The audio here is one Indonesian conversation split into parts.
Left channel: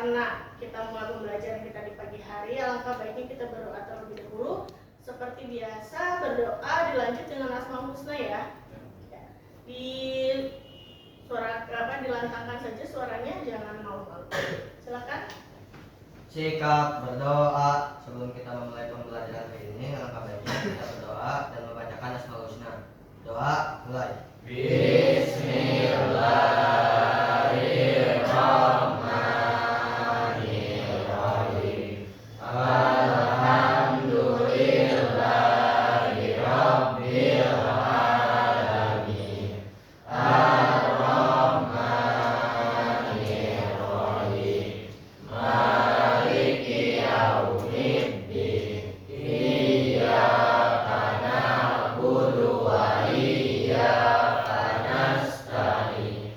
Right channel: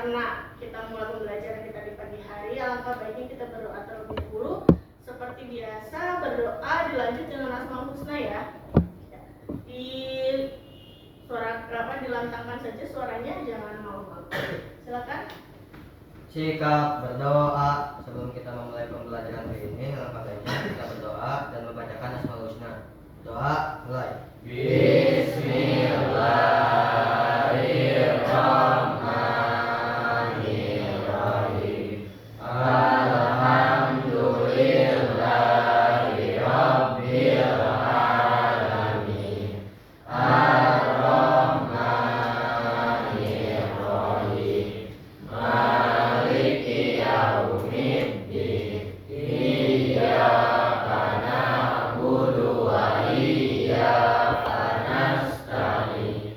karena kita mulai pembelajaran kita di pagi hari, alangkah baiknya kita berdoa terlebih dahulu. Seperti biasa, berdoa dilanjut dengan Asmaul Husna ya. Di suara dilantangkan saja suaranya, jangan malu-malu. Silakan. Sikap berdoa sebelum kita memulai pembelajaran hari ini, alangkah baiknya kita berdoa dan membacakan Asmaul Husna. Doa mulai. Bismillahirrahmanirrahim. Alhamdulillahirabbil alamin. Ar-Rahmanirrahim. Maliki yaumiddin. Iyyaka na'budu wa iyyaka nasta'in.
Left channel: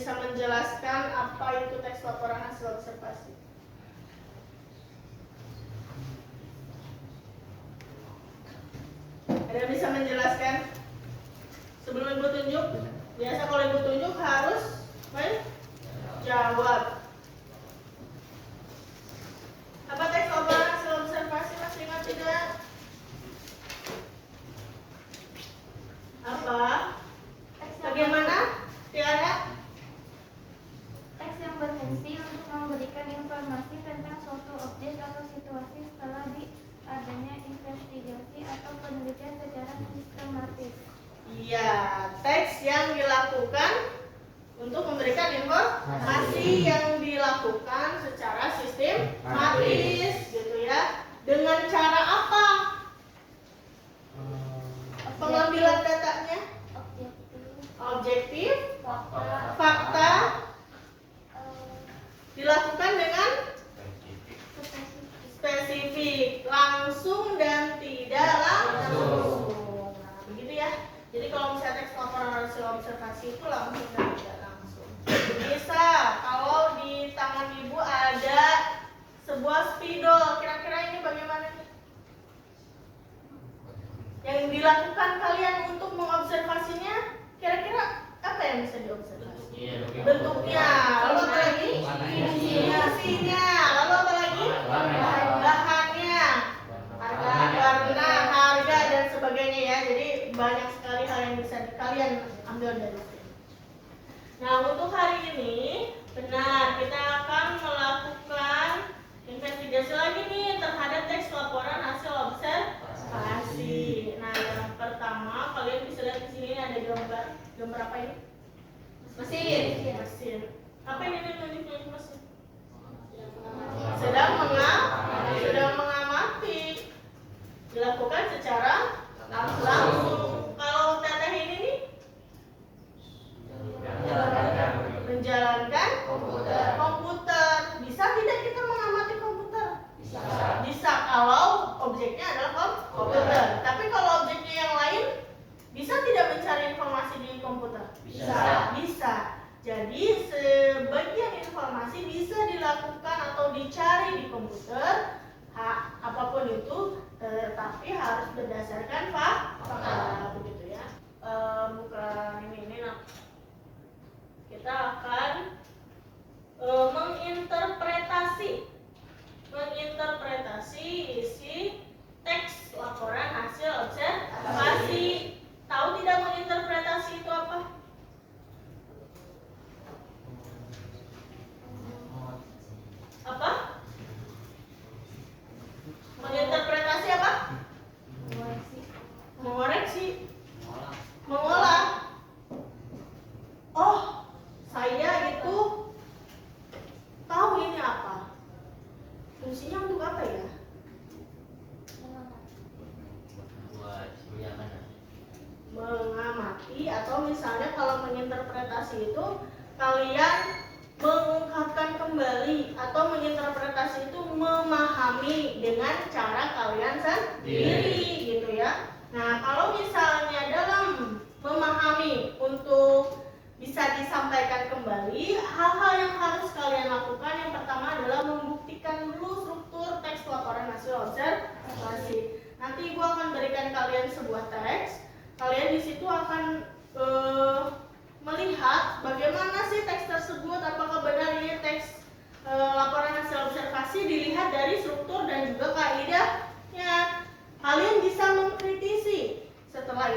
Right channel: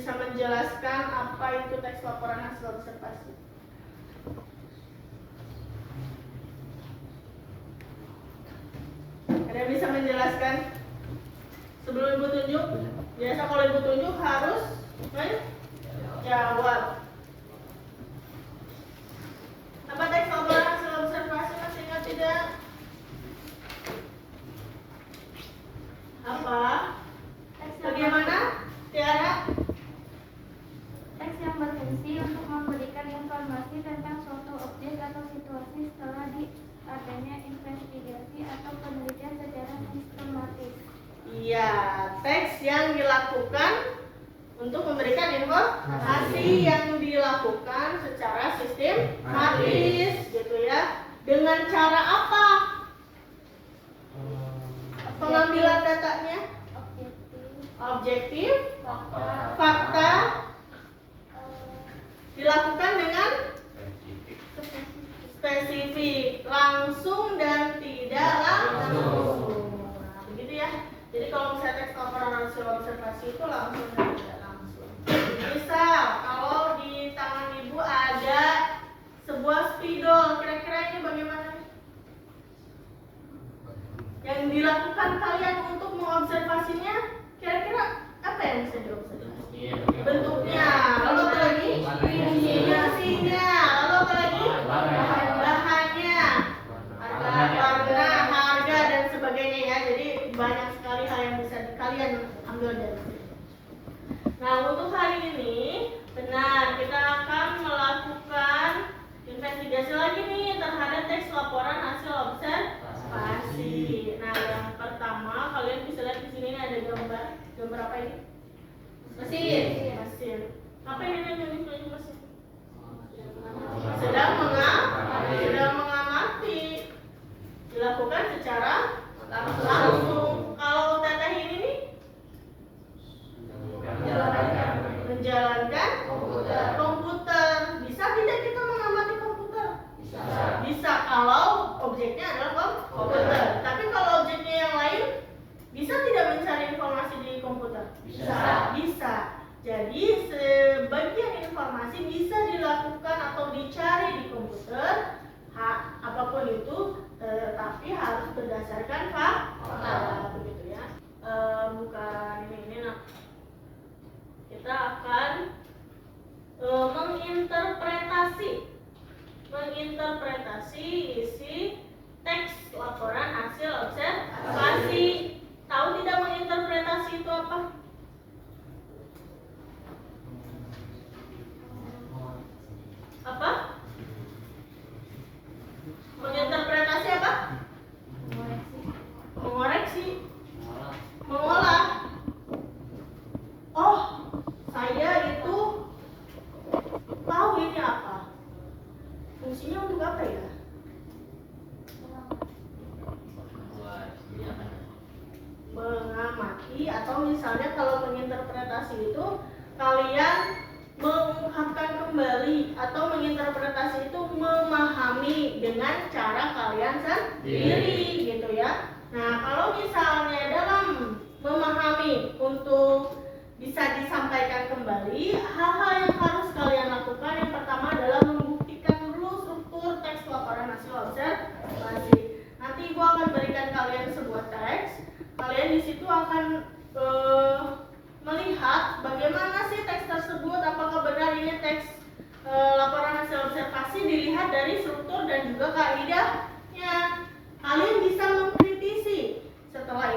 bisa menjelaskan apa itu teks laporan hasil observasi? Ada yang bisa menjelaskan? Sebelum ibu tunjuk, biasa kalau ibu tunjuk harus menjawab. Apa teks laporan hasil observasi, masih ingat tidak? Apa? Bagaimana, Tiara? Teks yang berfungsi untuk memberikan informasi tentang suatu objek atau situasi setelah adanya investigasi atau penelitian secara sistematis. Iya, teks yang dilakukan untuk memberikan informasi yang dilakukan secara sistematis, gitu ya. Dengan cara apa? Pengambilan datanya? Objektif, fakta, dilakukan dengan spesifik, langsung dan tidak langsung. Nah, begitu ya. Jadi kalau misalnya teks laporan hasil observasi itu langsung dan tidak langsung. Misal kalau di tangan ibu ada sebuah spidol, kira-kira ini bagaimana? Yang dilakukan kalian untuk mengobservasinya, kira-kira apa yang bisa diobservasi? Bentuknya, lalu apa lagi? Fungsinya, lalu apa lagi? Bahannya, warna, harga dan sebagainya ya. Jadi banyak sekali hal yang bisa kalian ambil dari sini. Nah, untuk hari ini benar kita akan melakukan investigasi lagi nih terhadap teks laporan hasil observasi. Nah, yang pertama kalian bisa lihat di sini ada gambar apa ini? Mesin. Apa ini nunjuk mesin? Sedang mengamati. Dilakukan secara langsung. Kalau teteh ini nih menjalankan komputer. Bisa tidak kita mengamati komputer? Bisa kalau objeknya adalah komputer. Tapi kalau objeknya yang lain, bisa tidak mencari informasi di komputer? Bisa. Jadi sebagian informasi bisa dilakukan atau dicari di komputer, apapun itu, tapi harus berdasarkan fakta, begitu ya. Bukan ini nah. Kita akan menginterpretasi isi teks laporan hasil observasi. Tahu tidak menginterpretasi itu apa? Apa? Menginterpretasi apa? Mengoreksi. Mengolah. Oh, saya itu tahu ini apa. Fungsinya untuk apa ya? Mengamati, atau misalnya kalau menginterpretasi itu kalian mengungkapkan kembali, atau menginterpretasi itu memahami dengan cara kalian sendiri, gitu ya. Nah, kalau misalnya dalam memahami untuk bisa disampaikan kembali, hal-hal yang harus kalian lakukan yang pertama adalah membuktikan dulu struktur teks laporan hasil observasi. Nanti ibu akan berikan kalian sebuah teks. Kalian di situ akan melihat bagaimana sih teks tersebut, apakah benar ini teks laporan hasil observasi dilihat dari struktur dan juga kaidahnya. Kalian bisa mengkritisi. Setelah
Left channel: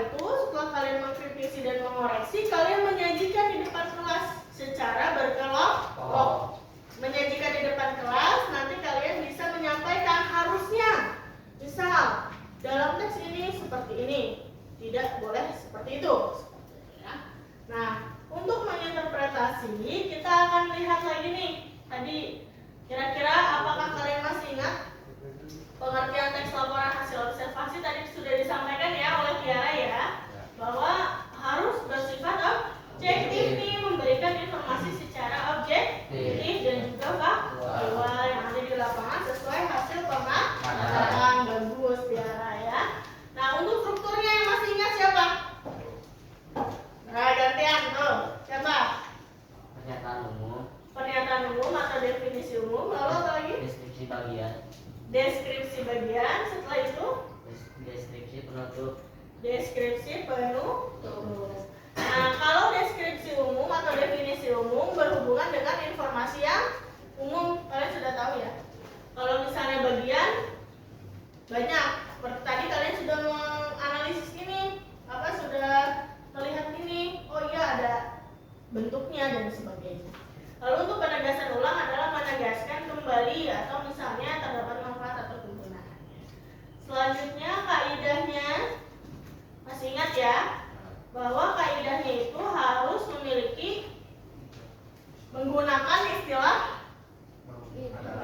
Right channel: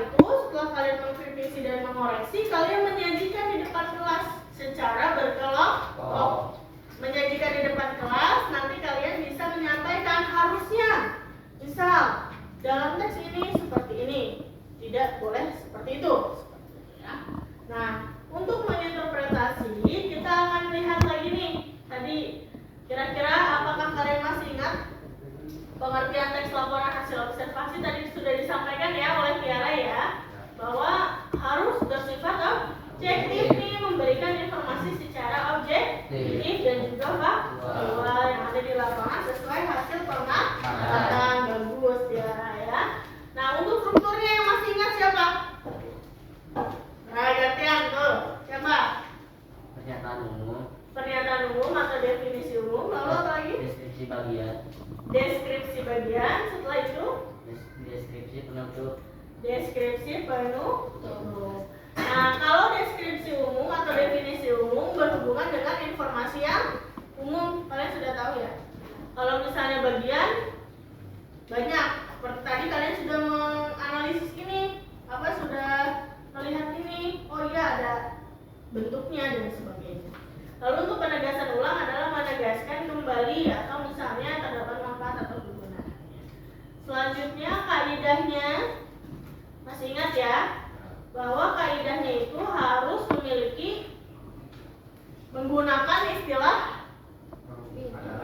kalian mengkritisi dan mengoreksi, kalian menyajikan di depan kelas secara berkelompok. Menyajikan di depan kelas, nanti kalian bisa menyampaikan harusnya. Misal, dalam teks ini seperti ini, tidak boleh seperti itu. Nah, untuk menginterpretasi, kita akan lihat lagi nih. Tadi, kira-kira apakah kalian masih ingat pengertian teks laporan hasil observasi tadi sudah disampaikan ya oleh Tiara ya, bahwa harus bersifat objektif nih, memberikan informasi secara objektif dan juga faktual yang ada di lapangan sesuai hasil pengamatan. Bagus Tiara ya. Nah, untuk strukturnya yang masih ingat siapa? Nah, gantian tuh. Siapa? Pernyataan umum atau definisi umum. Lalu apa lagi? Deskripsi bagian. Deskripsi bagian. Setelah itu Deskripsi penutup. deskripsi penutup. Nah, kalau deskripsi umum atau definisi umum berhubungan dengan informasi yang umum, kalian sudah tahu ya. Kalau misalnya bagian banyak, seperti tadi kalian sudah menganalisis ini, sudah melihat ini, oh iya ada bentuknya dan sebagainya. Lalu untuk penegasan ulang adalah menegaskan kembali atau misalnya terdapat manfaat atau kegunaan. Selanjutnya kaidahnya, masih ingat ya, bahwa kaidahnya itu harus memiliki menggunakan istilah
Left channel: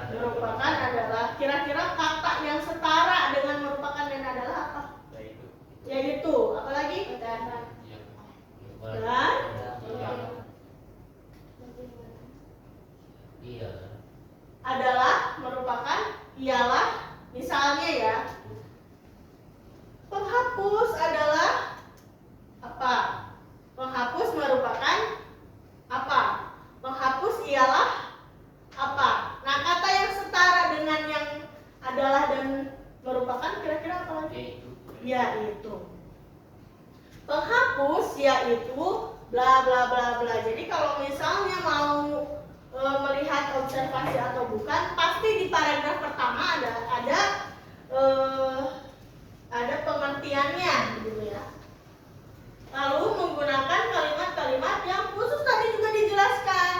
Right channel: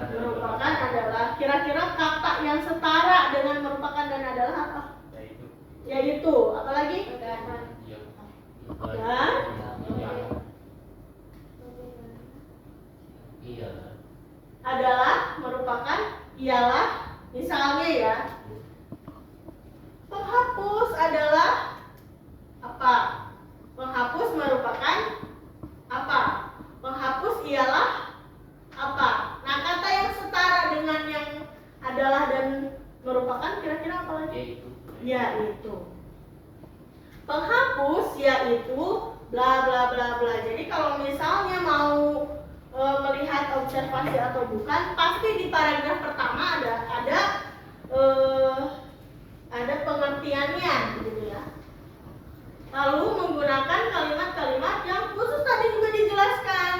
merupakan adalah, kira-kira kata yang setara dengan merupakan dan adalah apa? Yaitu apalagi? Dan adalah, merupakan, ialah. Misalnya ya, penghapus adalah apa? Penghapus merupakan apa? Penghapus ialah apa? Nah, kata yang setara dengan yang adalah dan merupakan kira-kira apa lagi? Yaitu. Penghapus yaitu bla bla bla bla. Jadi kalau misalnya mau melihat observasi atau bukan, pasti di paragraf pertama ada pengertiannya gitu ya. Lalu menggunakan kalimat-kalimat yang khusus tadi juga dijelaskan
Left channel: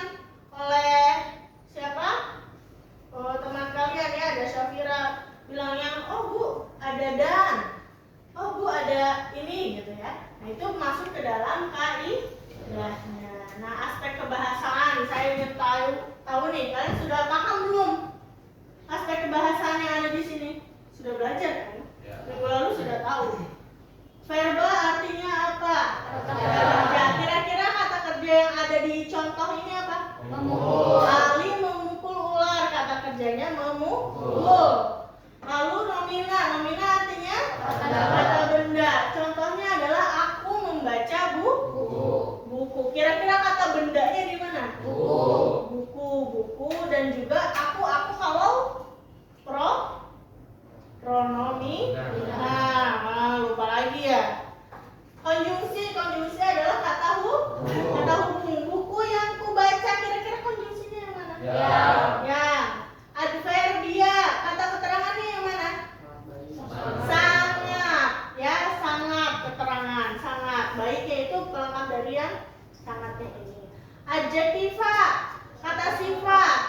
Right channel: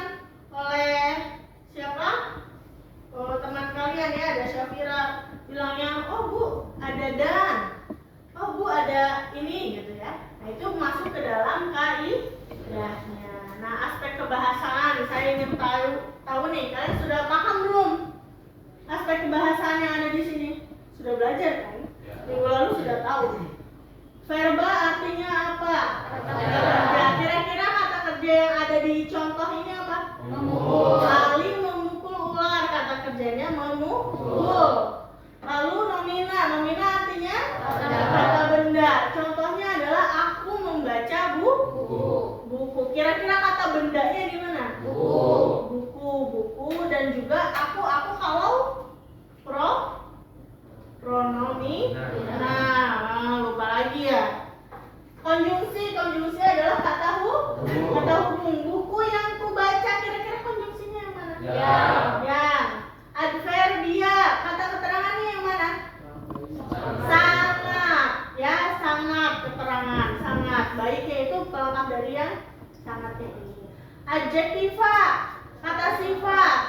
oleh siapa? Teman kalian ya, ada Syafira bilangnya, oh Bu ada dan, oh Bu ada ini gitu ya. Nah itu masuk ke dalam kaidahnya. Nah aspek kebahasaan saya ingin tahu nih, kalian sudah paham belum aspek kebahasaan yang ada di sini? Sudah belajar kan? Minggu lalu sudah tahu. Verba artinya apa? Kata kerja. Kira-kira kata kerja yang ada di contoh ini apa? Memukul. Ali memukul ular, kata kerjanya memukul. Lalu nomina artinya kata benda. Contohnya adalah aku membaca buku. Kira-kira kata bendanya di mana? Buku. Dan juga aku kalau pronomi. Nah, lupa lagi ya. Konjungsi adalah kata hubung. Buku yang ku baca, kira-kira konjungsinya yang mana? Yang. Adverbia, kata keterangannya yang mana? Sangat. Ya, sangat keterangan, sangat. Baiknya itu pelengkap dari yang sangatnya ini. Adjektiva, kata sifat.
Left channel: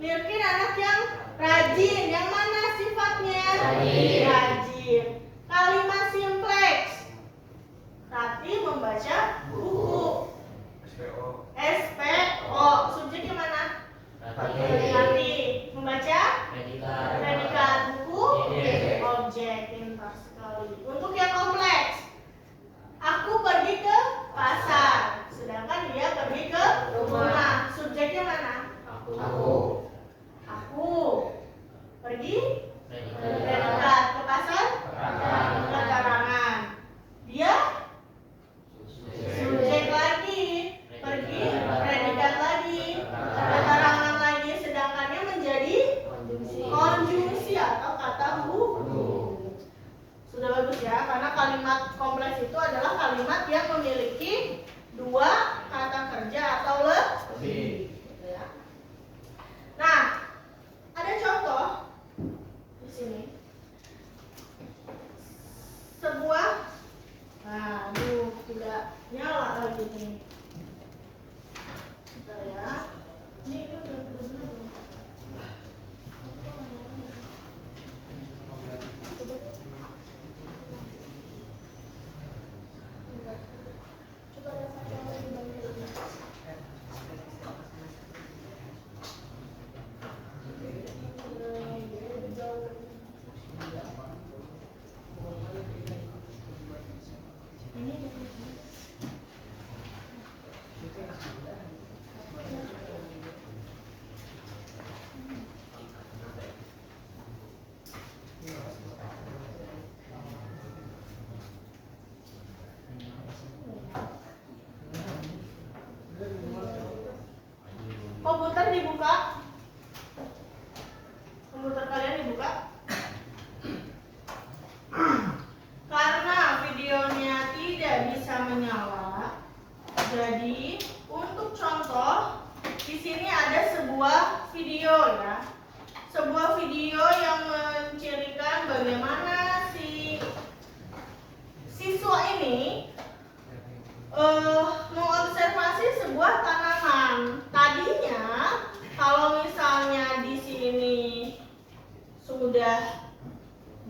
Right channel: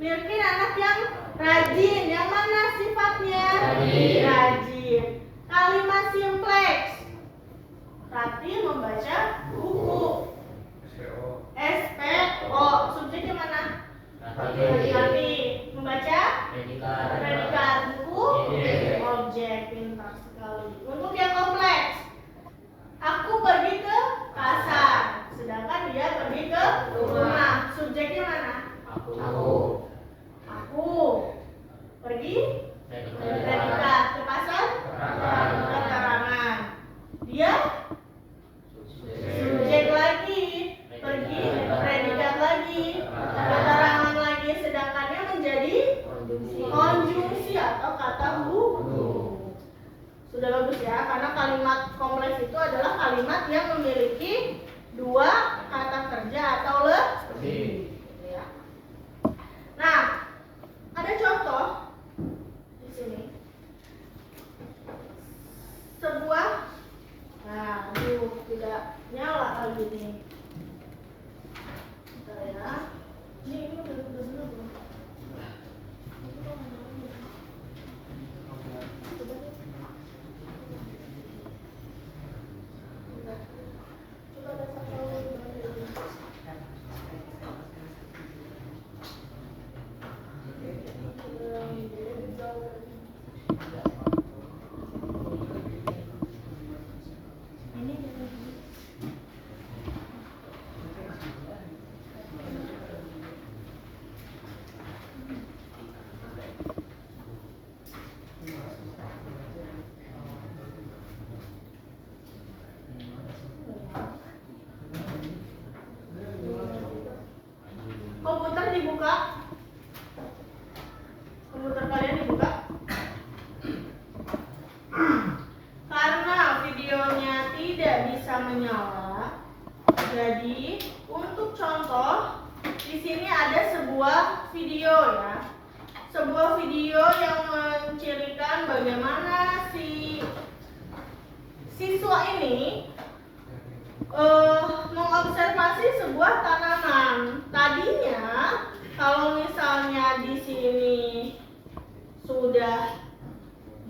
Mirkin anak yang rajin, yang mana sifatnya? Rajin. Kalimat simpleks. Rati membaca buku. SPO. Subjeknya mana? Rati. Membaca? Predikat. Buku? Objek. Pintar sekali. Untuk yang kompleks, aku pergi ke pasar, sedangkan dia pergi ke rumah. Subjeknya mana? Aku pergi predikat, ke pasar keterangan. Dia subjek lagi, pergi predikat lagi. komputer dibuka. Komputer kalian dibuka. Karena videonya tidak bisa menyala, jadi untuk contoh di sini ada sebuah video ya. Sebuah video yang mencirikan bagaimana si siswa ini mengobservasi sebuah tanaman. Tadinya kalau misalnya di sini sudah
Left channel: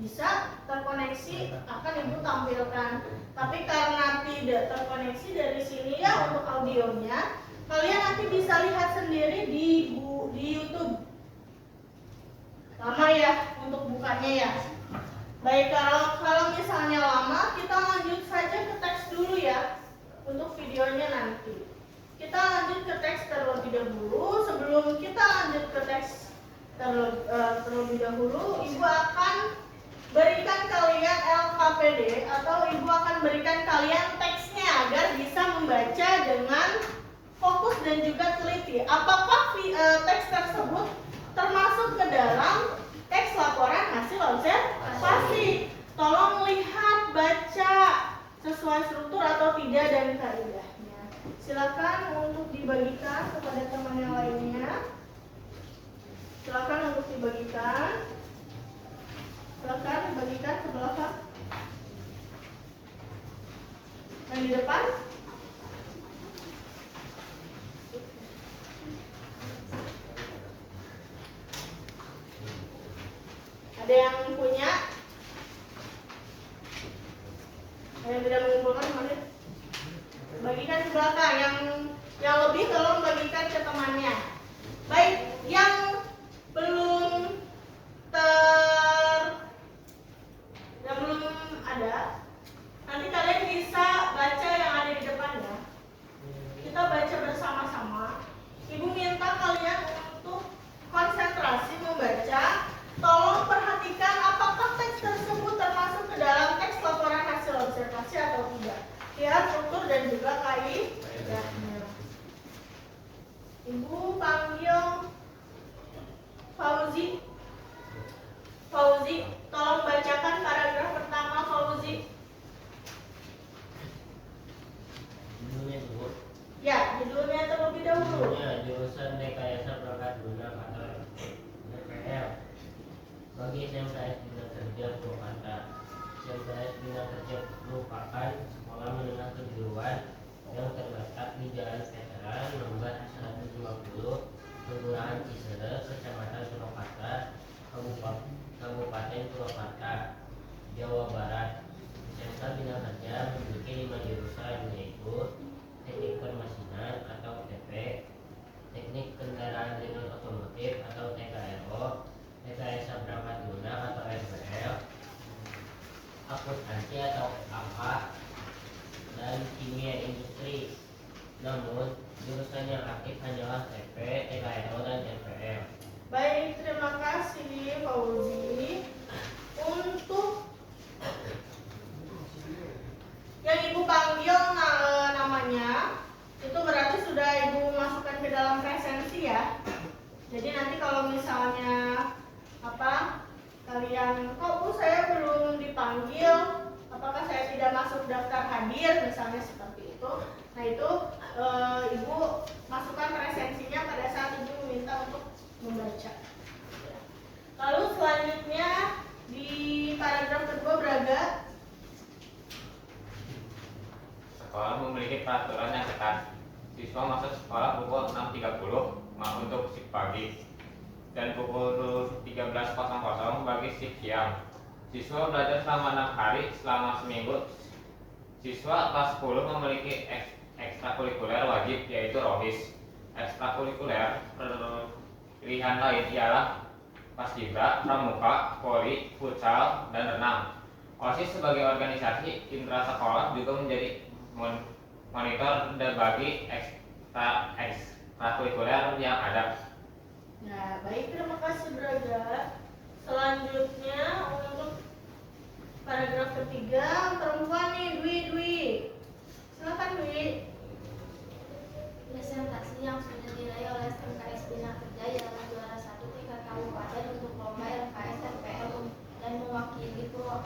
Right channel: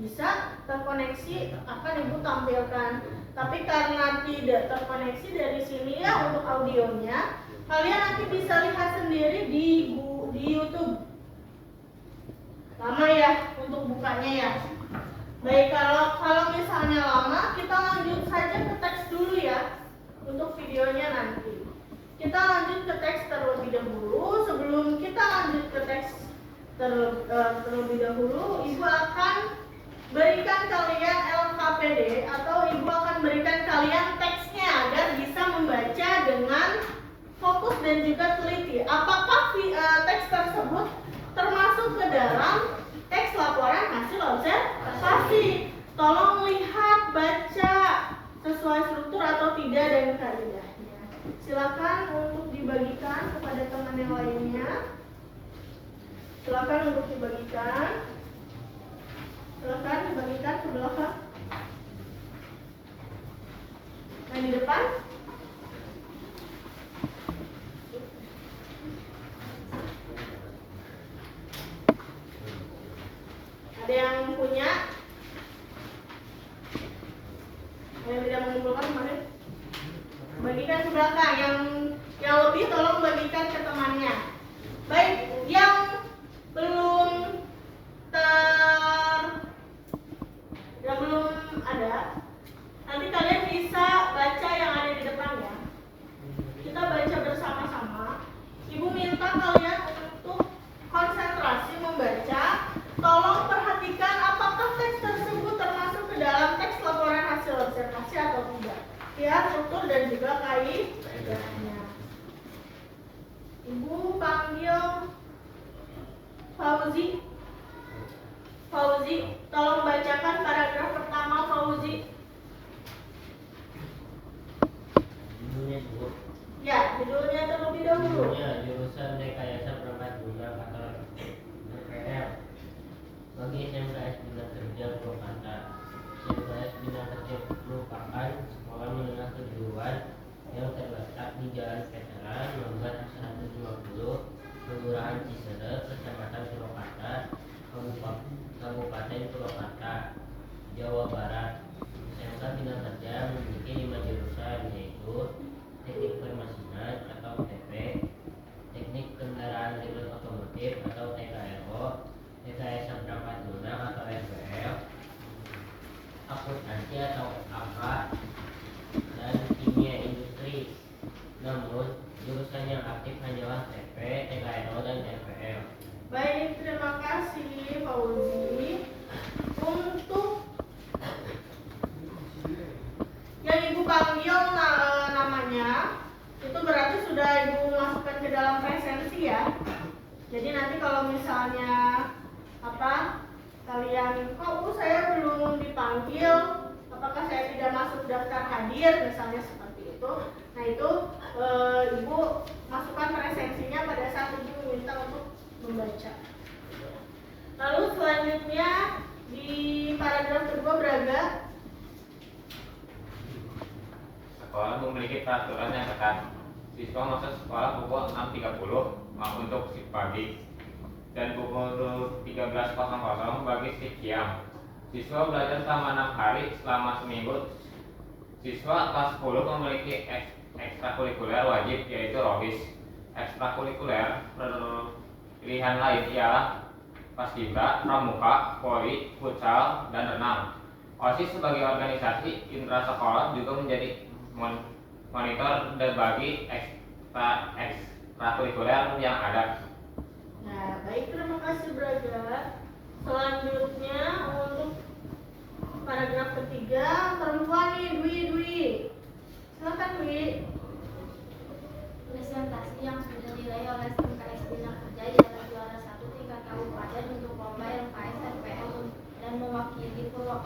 bisa terkoneksi akan ibu tampilkan, tapi karena tidak terkoneksi dari sini ya untuk audionya, kalian nanti bisa lihat sendiri di YouTube. Lama ya untuk bukanya ya. Baik, kalau misalnya lama, kita lanjut saja ke teks dulu ya untuk videonya nanti. Kita lanjut ke teks terlebih dahulu. Sebelum kita lanjut ke teks terlebih dahulu, ibu akan berikan kalian LKPD atau ibu akan berikan kalian teksnya agar bisa membaca dengan fokus dan juga teliti. Apakah teks tersebut termasuk ke dalam teks laporan hasil observasi? Tolong lihat, baca sesuai struktur atau tidak dan kaidahnya. Silakan untuk dibagikan kepada teman yang lainnya. Silakan untuk dibagikan. Silakan dibagikan ke belakang. Yang di depan. Ada yang punya? Ada yang tidak mengumpulkan kemarin? Bagikan ke belakang. Yang lebih tolong bagikan ke temannya. Baik, yang belum ada, nanti kalian bisa baca yang ada di depan ya. Kita baca bersama-sama. Ibu minta kalian untuk konsentrasi membaca. Tolong perhatikan apakah teks tersebut termasuk ke dalam teks laporan hasil observasi atau tidak. Lihat struktur dan juga kaidahnya. Ibu panggil Fauzi. Fauzi, tolong bacakan paragraf pertama Fauzi. Judulnya dulu. Ya, judulnya terlebih dahulu. Judulnya jurusan rekayasa perangkat lunak atau RPL. Bagi SMKS Bina Kerja Purwakarta. SMKS Bina Kerja merupakan sekolah menengah kejuruan yang terletak di Jalan Veteran nomor 150, Kelurahan Cisedek, Kecamatan Purwakarta, Kabupaten Purwakarta, Jawa Barat. SMK Bina Kerja memiliki 5 jurusan, yaitu Teknik Permesinan atau TP, Teknik Kendaraan Listrik Otomotif atau TKLO, rekayasa perangkat lunak atau RPL, akuntansi atau AK, dan kimia industri. Namun jurusan yang aktif hanyalah TP, TKLO, dan RPL. Baik, terima kasih Fauzi. Untuk yang ibu panggil namanya, itu berarti sudah ibu masukkan ke dalam presensi ya. Jadi nanti kalau misalnya kalian, saya belum dipanggil, apakah saya tidak masuk daftar hadir, misalnya seperti itu. Nah itu ibu masukkan presensinya pada saat ibu minta untuk membaca. Lalu selanjutnya di paragraf kedua Braga. Sekolah memiliki peraturan yang ketat. Siswa masuk sekolah pukul 6.30 untuk shift pagi dan pukul 13.00 bagi shift siang. Siswa belajar selama 6 hari selama seminggu. Siswa kelas 10 memiliki ekstrakurikuler wajib, yaitu ROHIS. Ekstrakurikuler pilihan lain ialah paskibra, pramuka, voli, futsal, dan renang. OSIS sebagai organisasi intrasekolah juga menjadi monitor bagi ekstrakurikuler yang ada. Nah, baik, terima kasih Braga. Selanjutnya untuk paragraf ketiga, perempuan nih, Dwi. Silakan Dwi. Presentasi yang sudah diraih oleh SMKS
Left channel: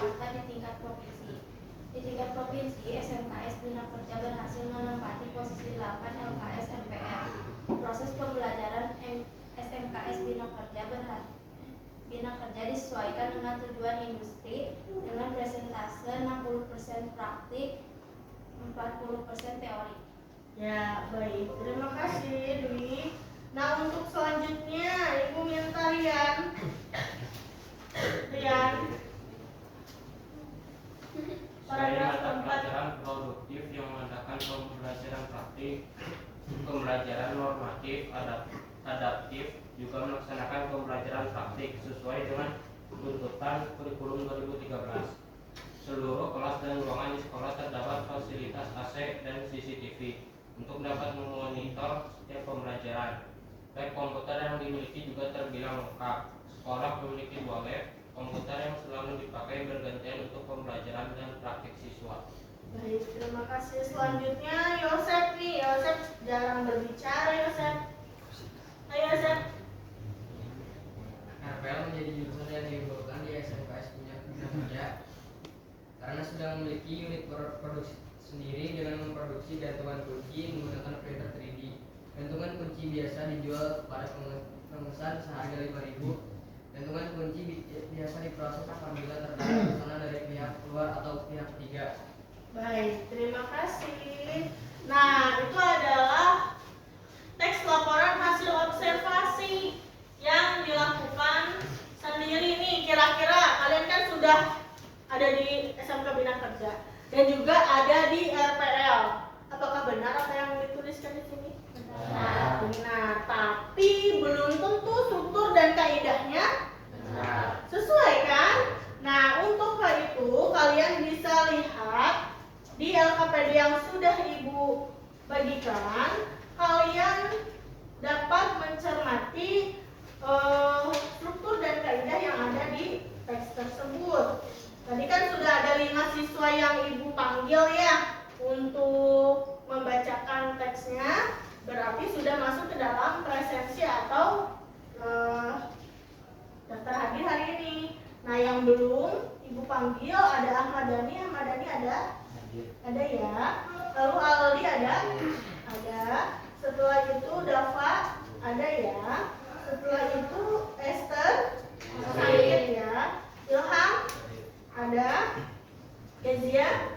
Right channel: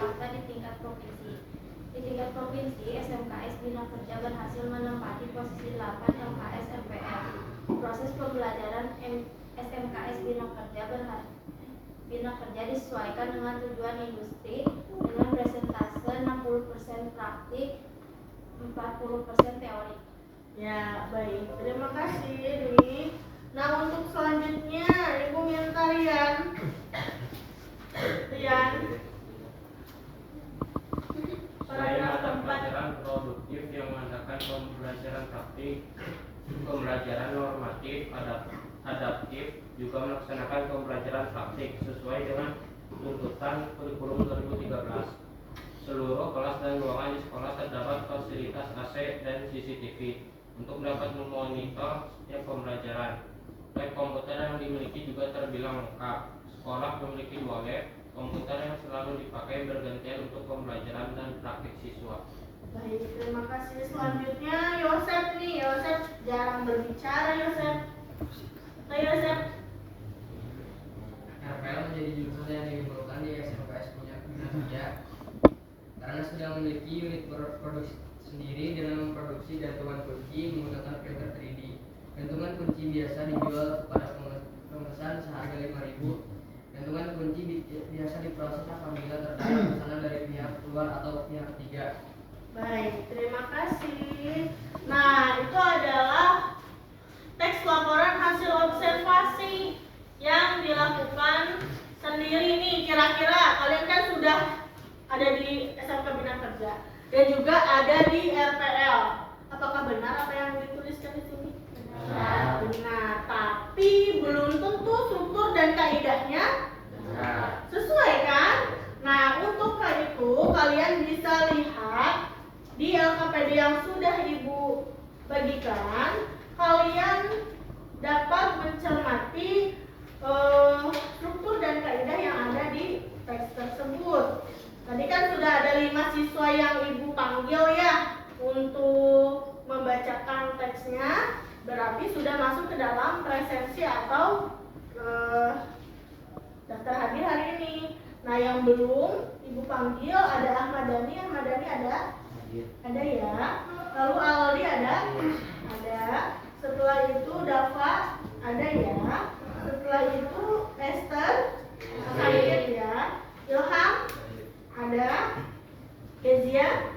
Jakarta di tingkat provinsi. Di tingkat provinsi, SMKS Bina Kerja berhasil menempati posisi 8 LKS MPR. Proses pembelajaran SMKS Bina Kerja disesuaikan dengan tujuan industri dengan presentase 60% praktik, 40% teori. Ya, baik. Terima kasih, Dwi. Nah, untuk selanjutnya, Ibu minta Rian. Selain Paragraf mata keempat. pelajaran produktif yang mengadakan pembelajaran praktik, pembelajaran normatif, adaptif juga melaksanakan pembelajaran praktik sesuai dengan tuntutan kurikulum 2013. Seluruh kelas dan ruangan di sekolah terdapat fasilitas AC dan CCTV untuk dapat memonitor setiap pembelajaran. Lab komputer yang dimiliki juga terbilang lengkap. Sekolah memiliki 2 lab komputer yang selalu dipakai bergantian untuk pembelajaran dan praktik siswa. Baik, terima kasih. Selanjutnya, Yosef nih. Yosef jarang berbicara, Yosef. Ayo, Yosef. RPL menjadi jurusan yang diunggulkan di SMKS Bina Kerja karena sedang memiliki unit produksi sendiri dengan memproduksi gantungan kunci menggunakan printer 3D. Gantungan kunci biasa dijual kepada pemesan seharga 5.000. Gantungan kunci biasa diproses apabila terdapat pesanan dari pihak luar atau pihak ketiga. Baik, terima kasih. Nah, itu adalah teks laporan hasil observasi yang dilakukan sendiri nih. Kira-kira kalian kan sudah ada di SMK Bina Kerja dan juga ada di RPL. Apakah benar apa yang dituliskan di sini? Benar, tapi belum tentu struktur dan kaidahnya sesuai kan? Nah, untuk hal itu kalian bisa lihat di LKPD yang sudah Ibu bagikan. Kalian dapat mencermati struktur dan kaidah yang ada di teks tersebut. Tadi kan sudah ada 5 siswa yang Ibu panggil ya untuk membacakan teksnya. Berarti sudah masuk ke dalam presensi atau daftar hadir hari ini. Nah, yang belum Ibu panggil ada Ahmad Dhani. Ahmad Dhani ada ya. Lalu Aldi ada. Setelah itu Dava ada ya. Setelah itu Esther sakit ya. Ilham ada. Kezia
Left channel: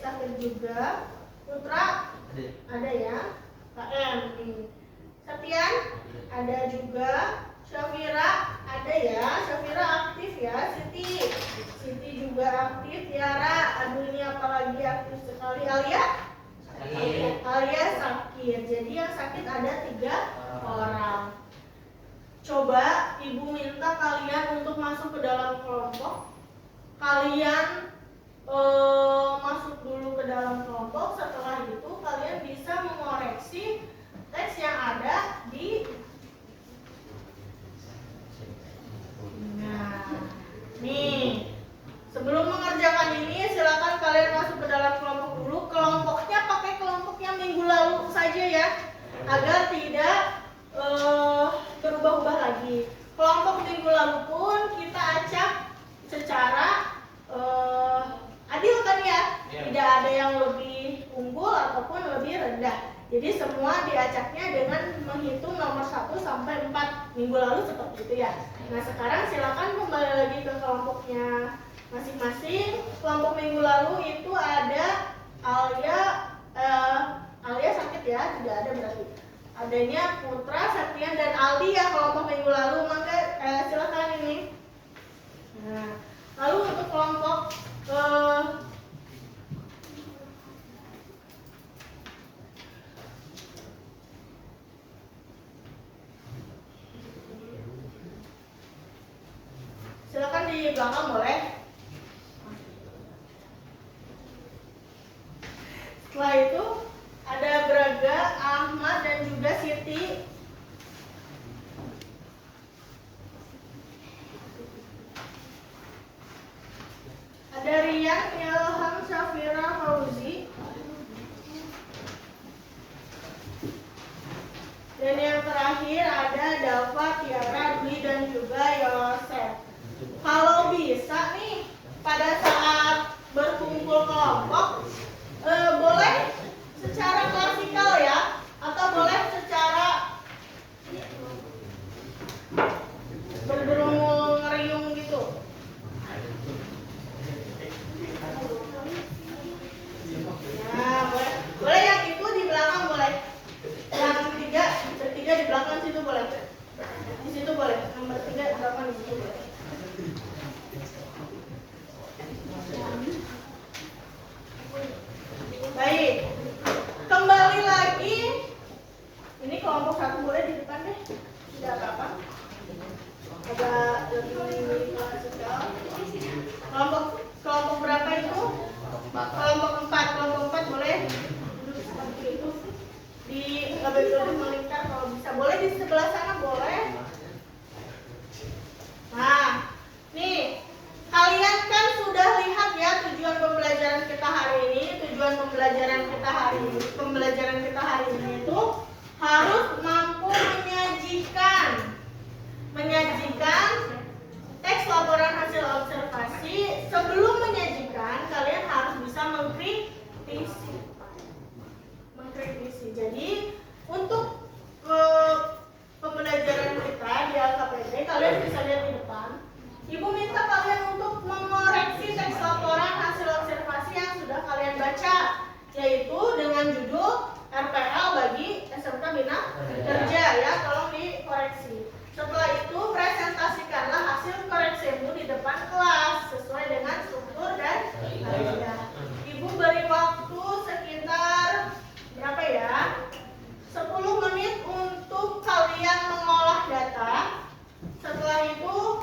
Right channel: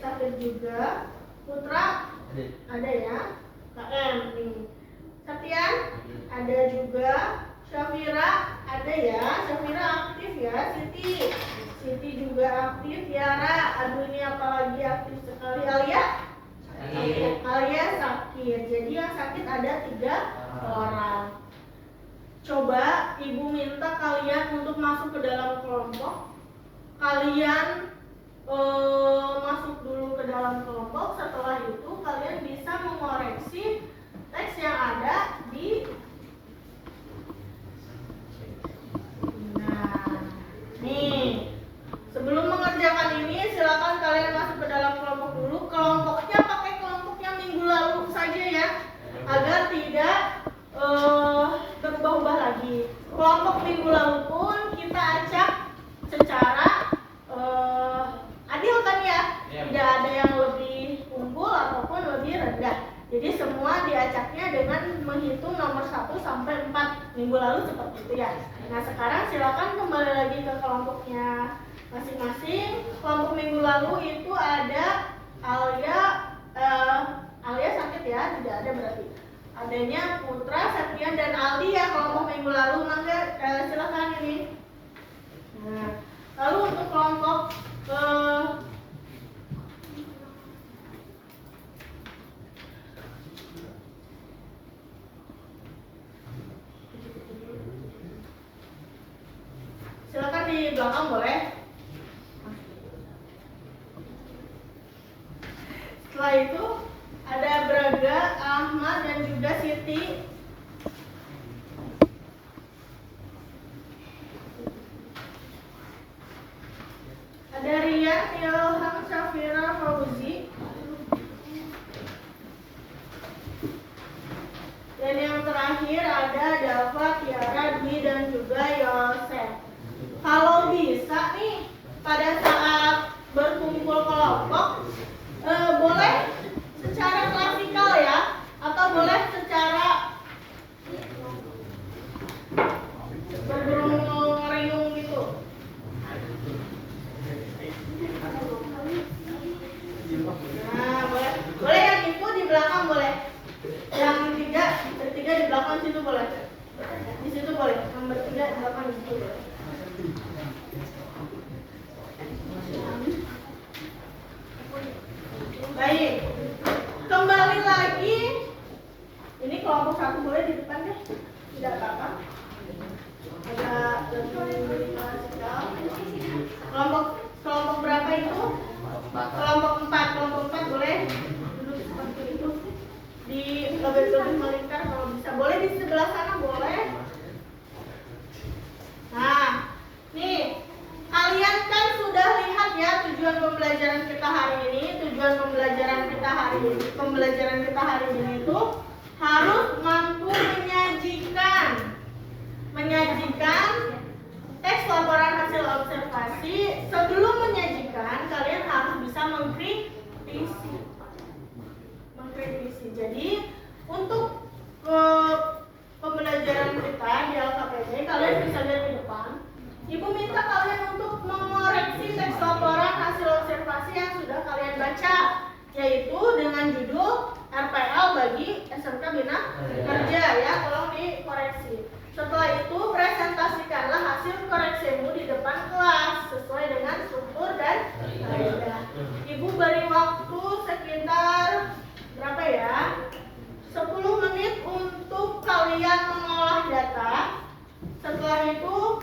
sakit juga. Putra ada ya. KM nih. Septian ada juga. Syafira ada ya. Syafira aktif ya. Siti juga aktif. Tiara, aduh ini apalagi aktif sekali. Alia sakit. Jadi yang sakit ada 3 orang. Coba Ibu minta kalian untuk masuk ke dalam kelompok. Kalian masuk dulu ke dalam kelompok. Setelah itu kalian bisa mengoreksi teks yang ada di. Nah, nih sebelum mengerjakan ini silakan kalian masuk ke dalam kelompok dulu. Kelompoknya pakai kelompok yang minggu lalu saja ya, agar tidak berubah-ubah lagi. Kelompok minggu lalu pun kita acak secara adil kan ya, tidak ada yang lebih unggul ataupun lebih rendah. Jadi semua diacaknya dengan menghitung nomor 1 sampai 4 minggu lalu seperti itu ya. Nah, sekarang silakan kembali lagi ke kelompoknya masing-masing. Kelompok minggu lalu itu ada Alia sakit ya, tidak ada berarti. Adanya Putra, Septian dan Aldi ya kelompok minggu lalu. Mangga silakan ini. Nah, lalu untuk kelompok silakan di belakang boleh. Setelah itu ada Braga, Ahmad dan juga Siti. Ada Rian, Ilham, Syafira, Fauzi. Dan yang terakhir ada Dava, Tiara, Dwi dan juga Yosef. Kalau bisa nih pada saat berkumpul kelompok boleh secara klasikal ya, atau boleh secara berburung ngeriung gitu. Nah, boleh yang itu di belakang boleh, yang bertiga di belakang situ boleh, di situ boleh, nomor 3 di belakang di situ boleh. Baik, kembali lagi. Ini kelompok 1 boleh di depan deh, tidak apa-apa. Ada lebih klasikal. Kelompok berapa itu? Kelompok 4 boleh duduk seperti itu. Di lebih melingkar kalau bisa. Boleh di sebelah sana boleh. Nah, nih kalian kan sudah lihat ya tujuan pembelajaran kita hari ini. Tujuan pembelajaran kita hari ini itu harus mampu menyajikan teks laporan hasil observasi. Sebelum menyajikan, kalian harus bisa mengkritisi. Jadi untuk pembelajaran kita di LKPD, kalian bisa lihat di depan. Ibu minta kalian untuk mengoreksi teks laporan hasil observasi yang sudah kalian baca, yaitu dengan judul RPL bagi SMK Bina Kerja ya, tolong dikoreksi. Setelah itu presentasikanlah hasil koreksimu di depan kelas sesuai dengan struktur dan kaidah. Ibu beri waktu sekitar berapa ya? 10 menit untuk kalian mengolah data. Setelah itu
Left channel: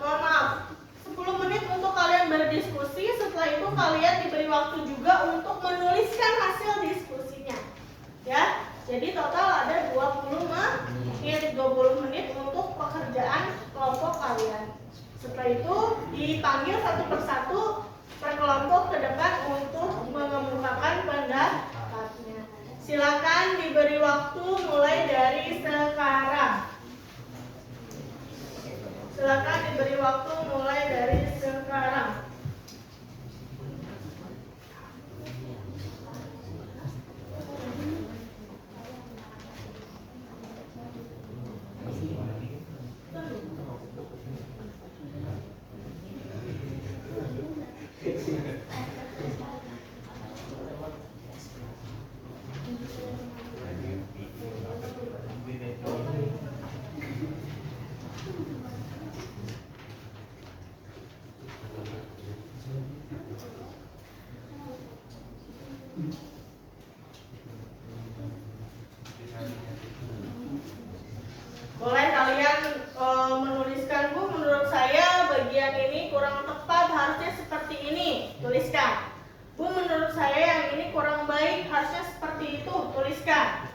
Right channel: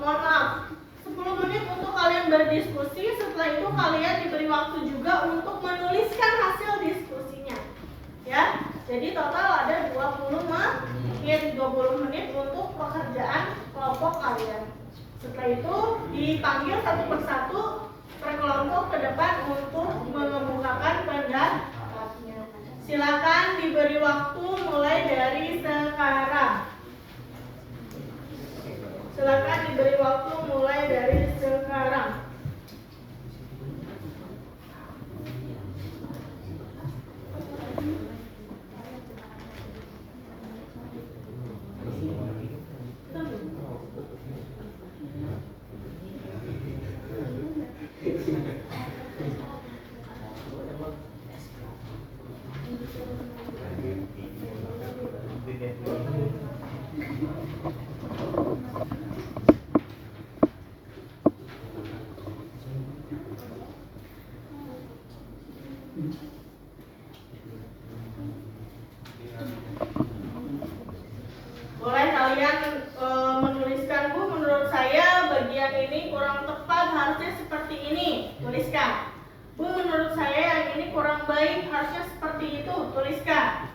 mohon maaf, 10 menit untuk kalian berdiskusi. Setelah itu kalian diberi waktu juga untuk menuliskan hasil diskusinya. Ya, jadi total ada 20 menit untuk pekerjaan kelompok kalian. Setelah itu dipanggil satu persatu per kelompok ke depan untuk mengemukakan pendapatnya. Silakan diberi waktu mulai dari sekarang. Silakan diberi waktu mulai dari sekarang. Boleh kalian menuliskan, Bu, menurut saya bagian ini kurang tepat, harusnya seperti ini, tuliskan. Bu, menurut saya yang ini kurang baik, harusnya seperti itu, tuliskan.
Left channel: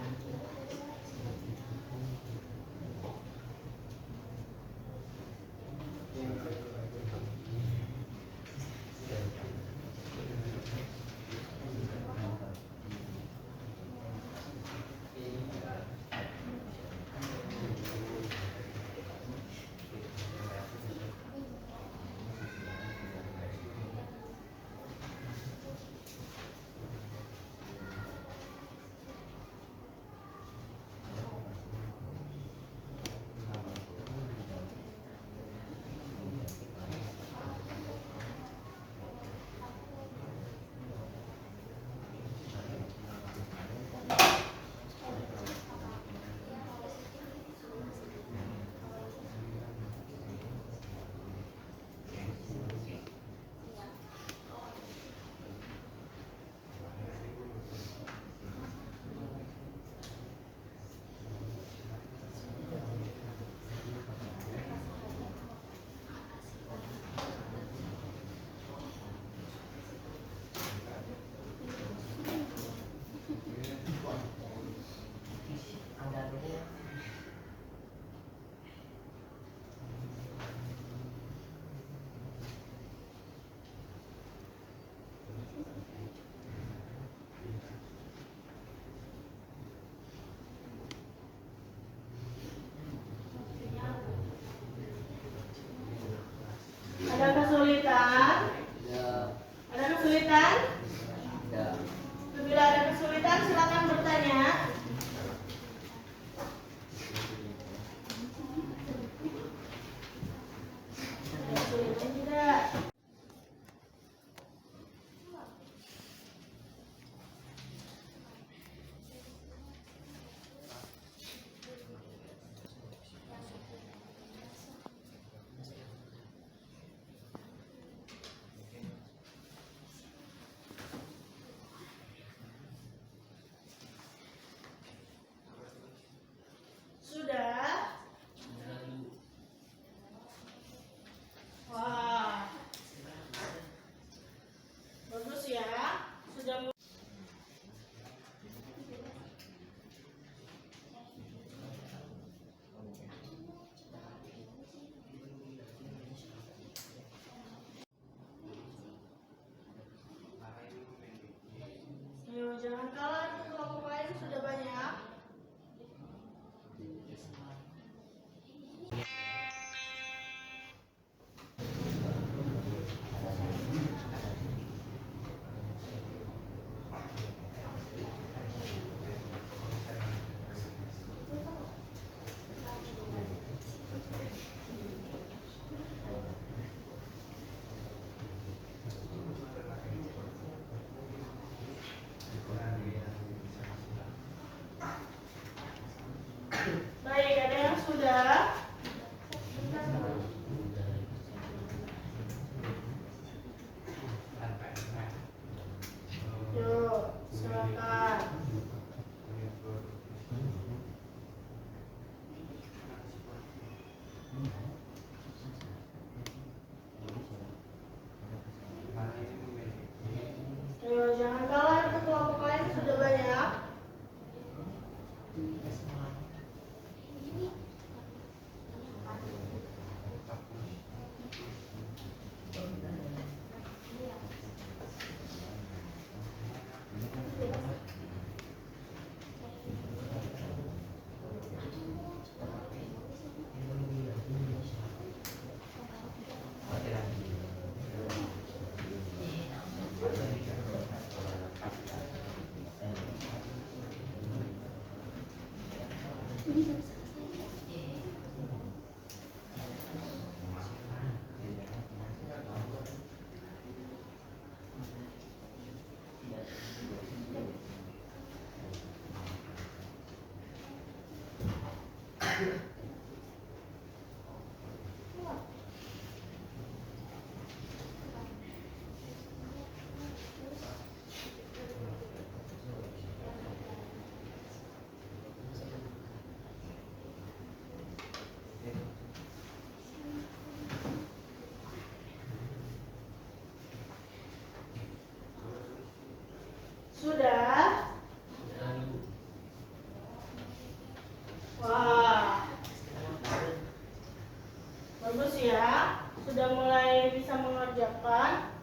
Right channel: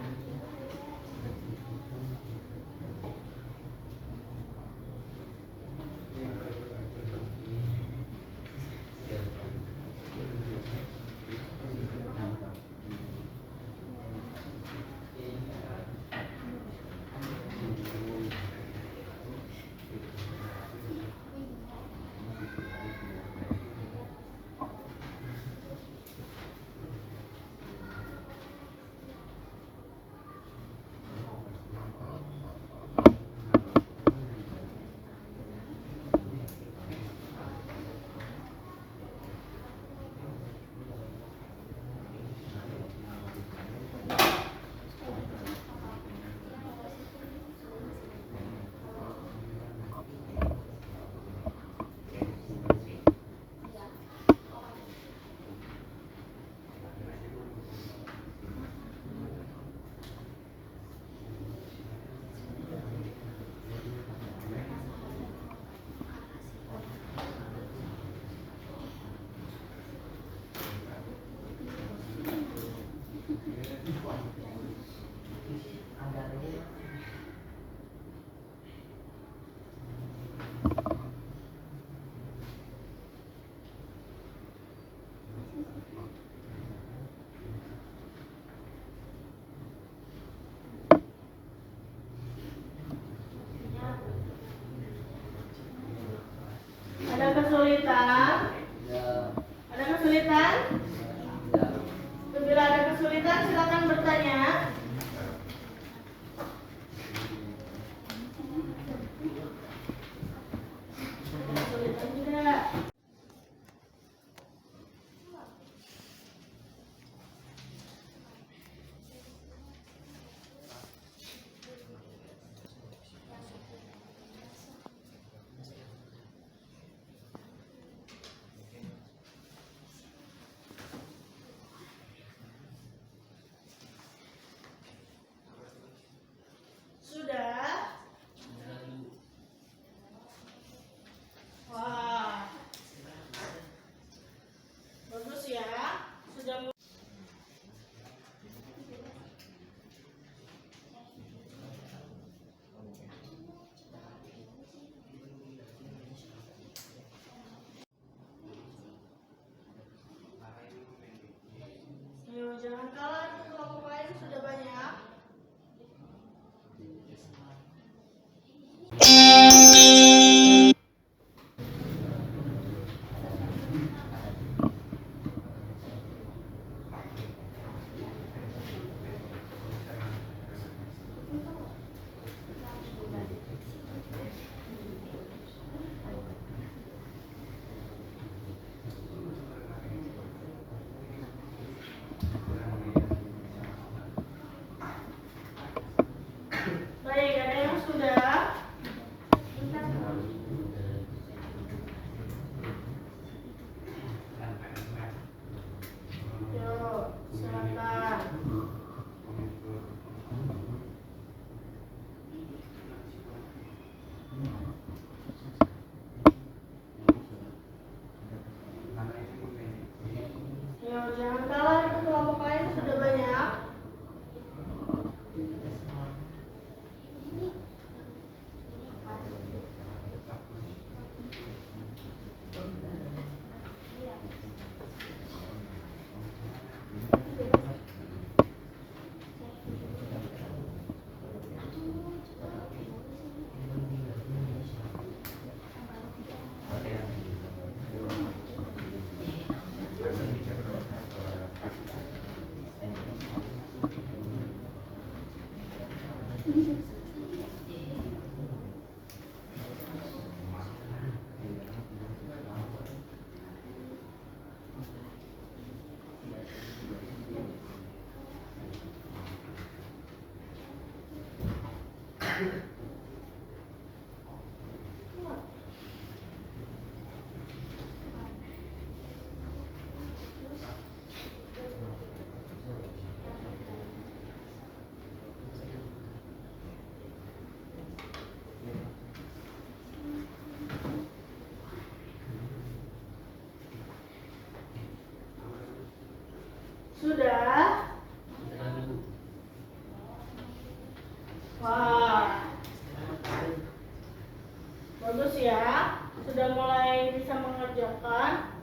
Baik, ada yang sudah? Yuk, silakan. Ayo, jangan kalah, itu kelompok lain sudah banyak. Sudah? Wah, bagus ya. Sudah mulai bisa mengerjakan.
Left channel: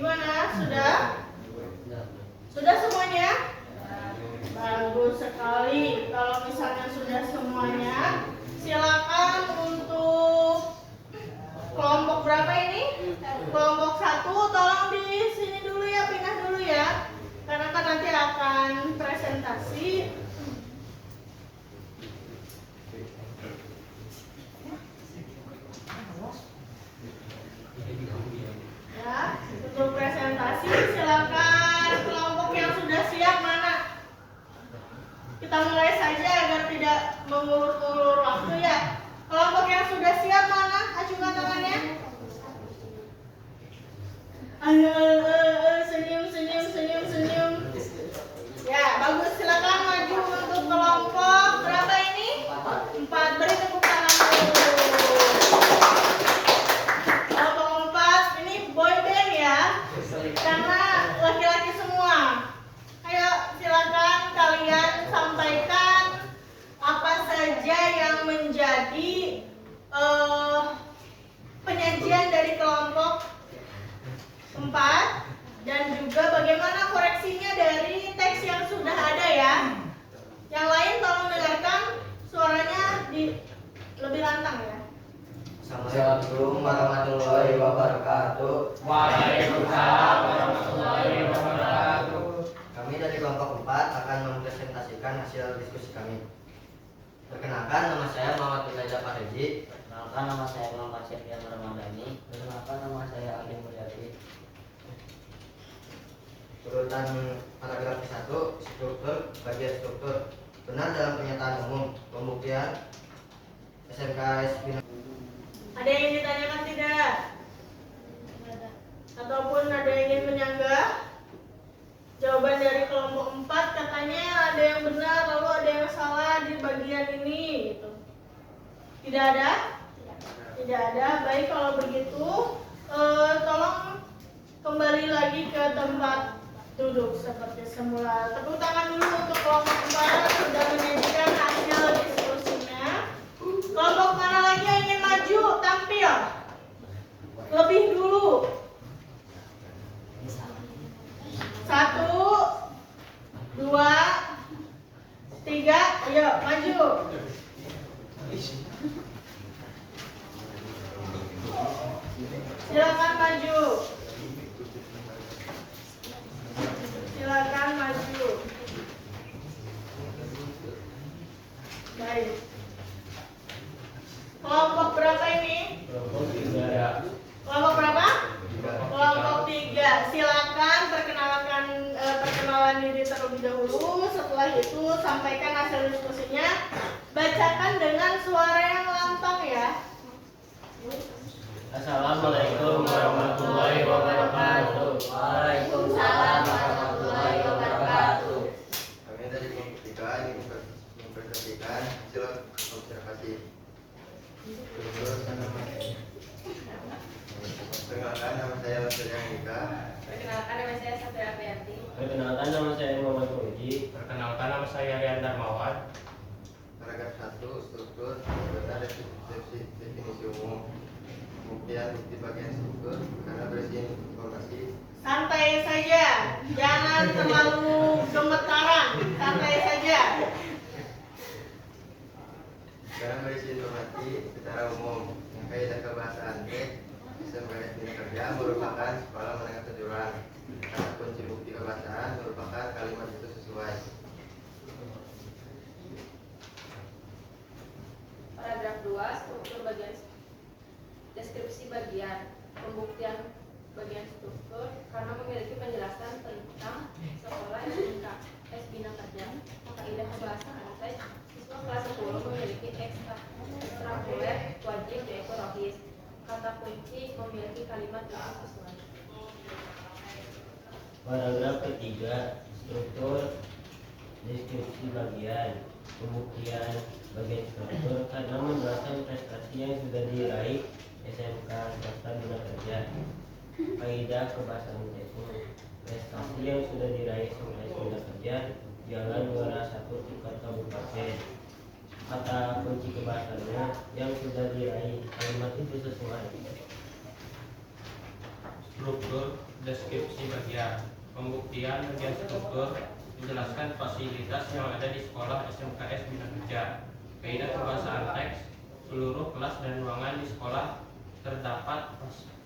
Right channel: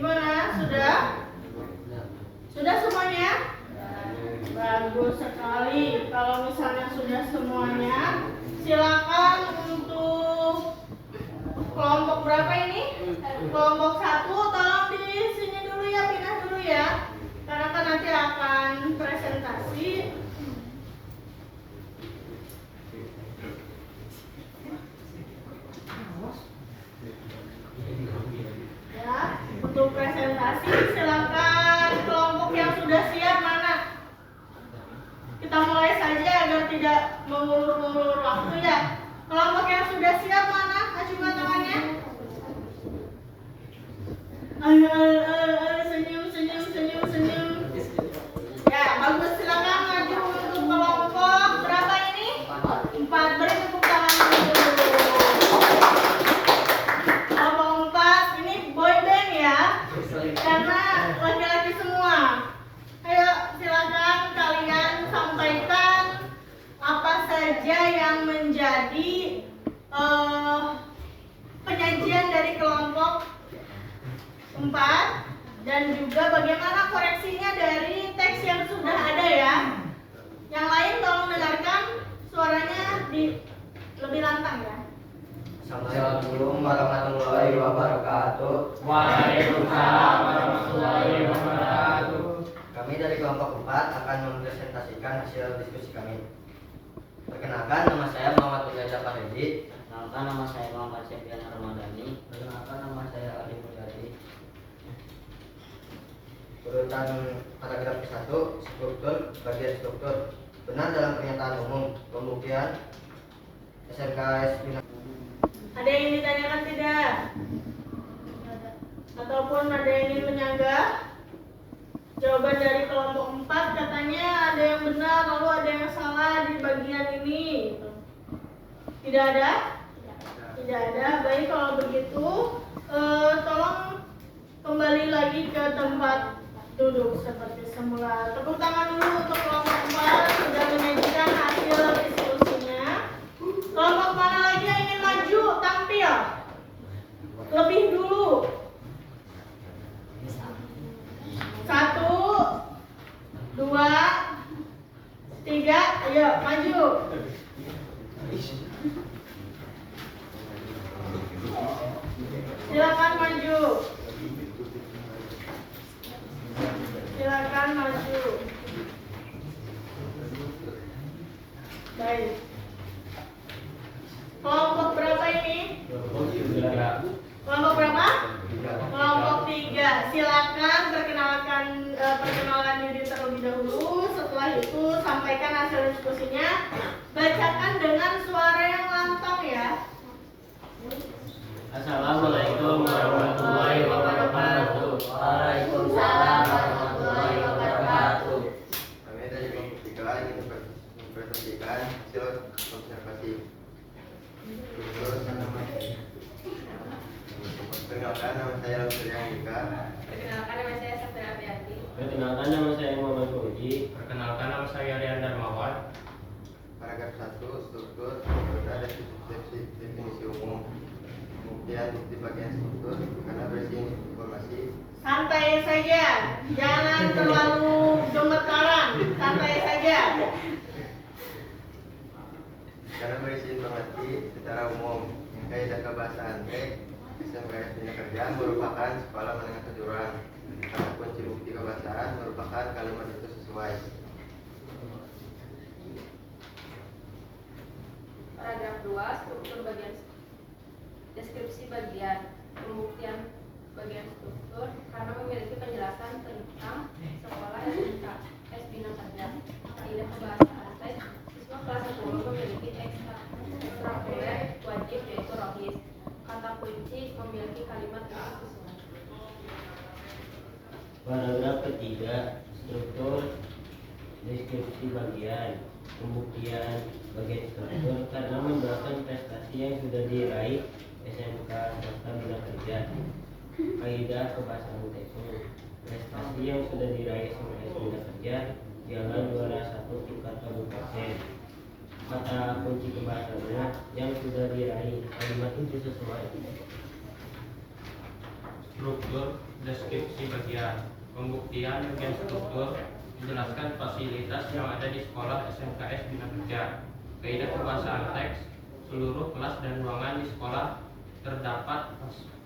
Gimana? Sudah? Sudah semuanya? Bagus sekali. Kalau misalnya sudah semuanya, silakan untuk kelompok berapa ini? kelompok 1 tolong di sini dulu ya, pindah dulu ya. Karena kan nanti akan presentasi. Ya, untuk presentasi silakan kelompok yang sudah siap mana? Kita mulai saja agar tidak mengulur-ulur waktu ya. Kelompok yang sudah siap mana? Acungkan tangannya. Ayo, senyum. Ya, bagus. Silakan maju untuk kelompok berapa ini? 4. Beri tepuk tangan dulu. Kelompok 4 ini boy band ya, karena laki-laki semua. Ayo, silakan kalian sampaikan apa saja yang menjadi penyajian dari kelompok 4 dan juga bagaimana koreksinya dari teks yang sudah ada ya. Yang lain tolong dengarkan suaranya lebih lantang ya. Assalamualaikum warahmatullahi wabarakatuh. Waalaikumsalam warahmatullahi wabarakatuh. Kami dari kelompok 4 akan mempresentasikan hasil diskusi kami. Perkenalkan, nama saya Muhammad Reza Fahri. Perkenalkan, nama saya Muhammad Syafian Ramadhani. Perkenalkan, nama saya Ali Mulyadi. Urutan paragraf 1, struktur, bagian struktur. Benar dalam pernyataan umum, pembuktian SMKS Bina. Ada yang ingin ditanyakan tidak? Ataupun ada yang ingin menyanggah? Jawaban dari kelompok 4 katanya ada yang benar, lalu ada yang salah di bagian ini gitu. Tidak ada? Tidak ada. Baik, kalau begitu tolong kembali lagi ke tempat duduk seperti semula. Tepuk tangan dulu untuk kelompok 4 sudah menyajikan hasil diskusinya. Kelompok mana lagi yang ingin maju tampil lebih dulu? 1, 2, 3, ayo maju. Silakan maju. Silakan maju. Baik. Kelompok berapa ini? Kelompok berapa? Kelompok 3. Silakan perkenalan diri terlebih dahulu. Setelah itu sampaikan hasil diskusinya. Bacakan dengan suara yang lantang ya. Assalamualaikum warahmatullahi wabarakatuh. Waalaikumsalam warahmatullahi wabarakatuh. Kami dari kelompok 3 ingin mempresentasikan hasil observasi. Perkenalkan, nama saya Surya Nika. Perkenalkan, nama saya Sandra Aprianti. Perkenalkan, nama saya Muhammad Fauzi. Perkenalkan, nama saya Rian Darmawan. Paragraf 1, struktur, metode dan definisi umum. Kemudian bukti bagian struktur karena berisi informasi. Santai saja, jangan terlalu gemetaran. Santai saja. Karena berisi informasi secara umum. Kaidah kebahasaan SMKS Bina Kerja merupakan sekolah menengah kejuruan. Kata kunci bukti kebahasaan merupakan kalimat itu sesuai. Paragraf 2, struktur bagian deskripsi bagian pembuktian bagian struktur karena memiliki penjelasan tentang sekolah SMKS Bina Kerja. Kaidah kebahasaan siswa kelas 10 memiliki ekstrakurikuler wajib yaitu rohis. Kata kunci memiliki kalimat yang sesuai. Paragraf ketiga, struktur deskripsi bagian pembuktian bagian struktur karena menjelaskan prestasi yang sudah diraih SMK swasta Bina Kerja. Kaidah kebahasaan teknik prestasi yang sudah diraih SMK Bina Kerja ialah juara 1 tingkat kabupaten. Kata kunci kebahasaannya yang sudah diraih kalimat itu sesuai. Struktur deskripsi bagian pembuktian bagian struktur menjelaskan fasilitas yang ada di sekolah SMKS Bina Kerja. Kaidah kebahasaan teks seluruh kelas dan ruangan di sekolah terdapat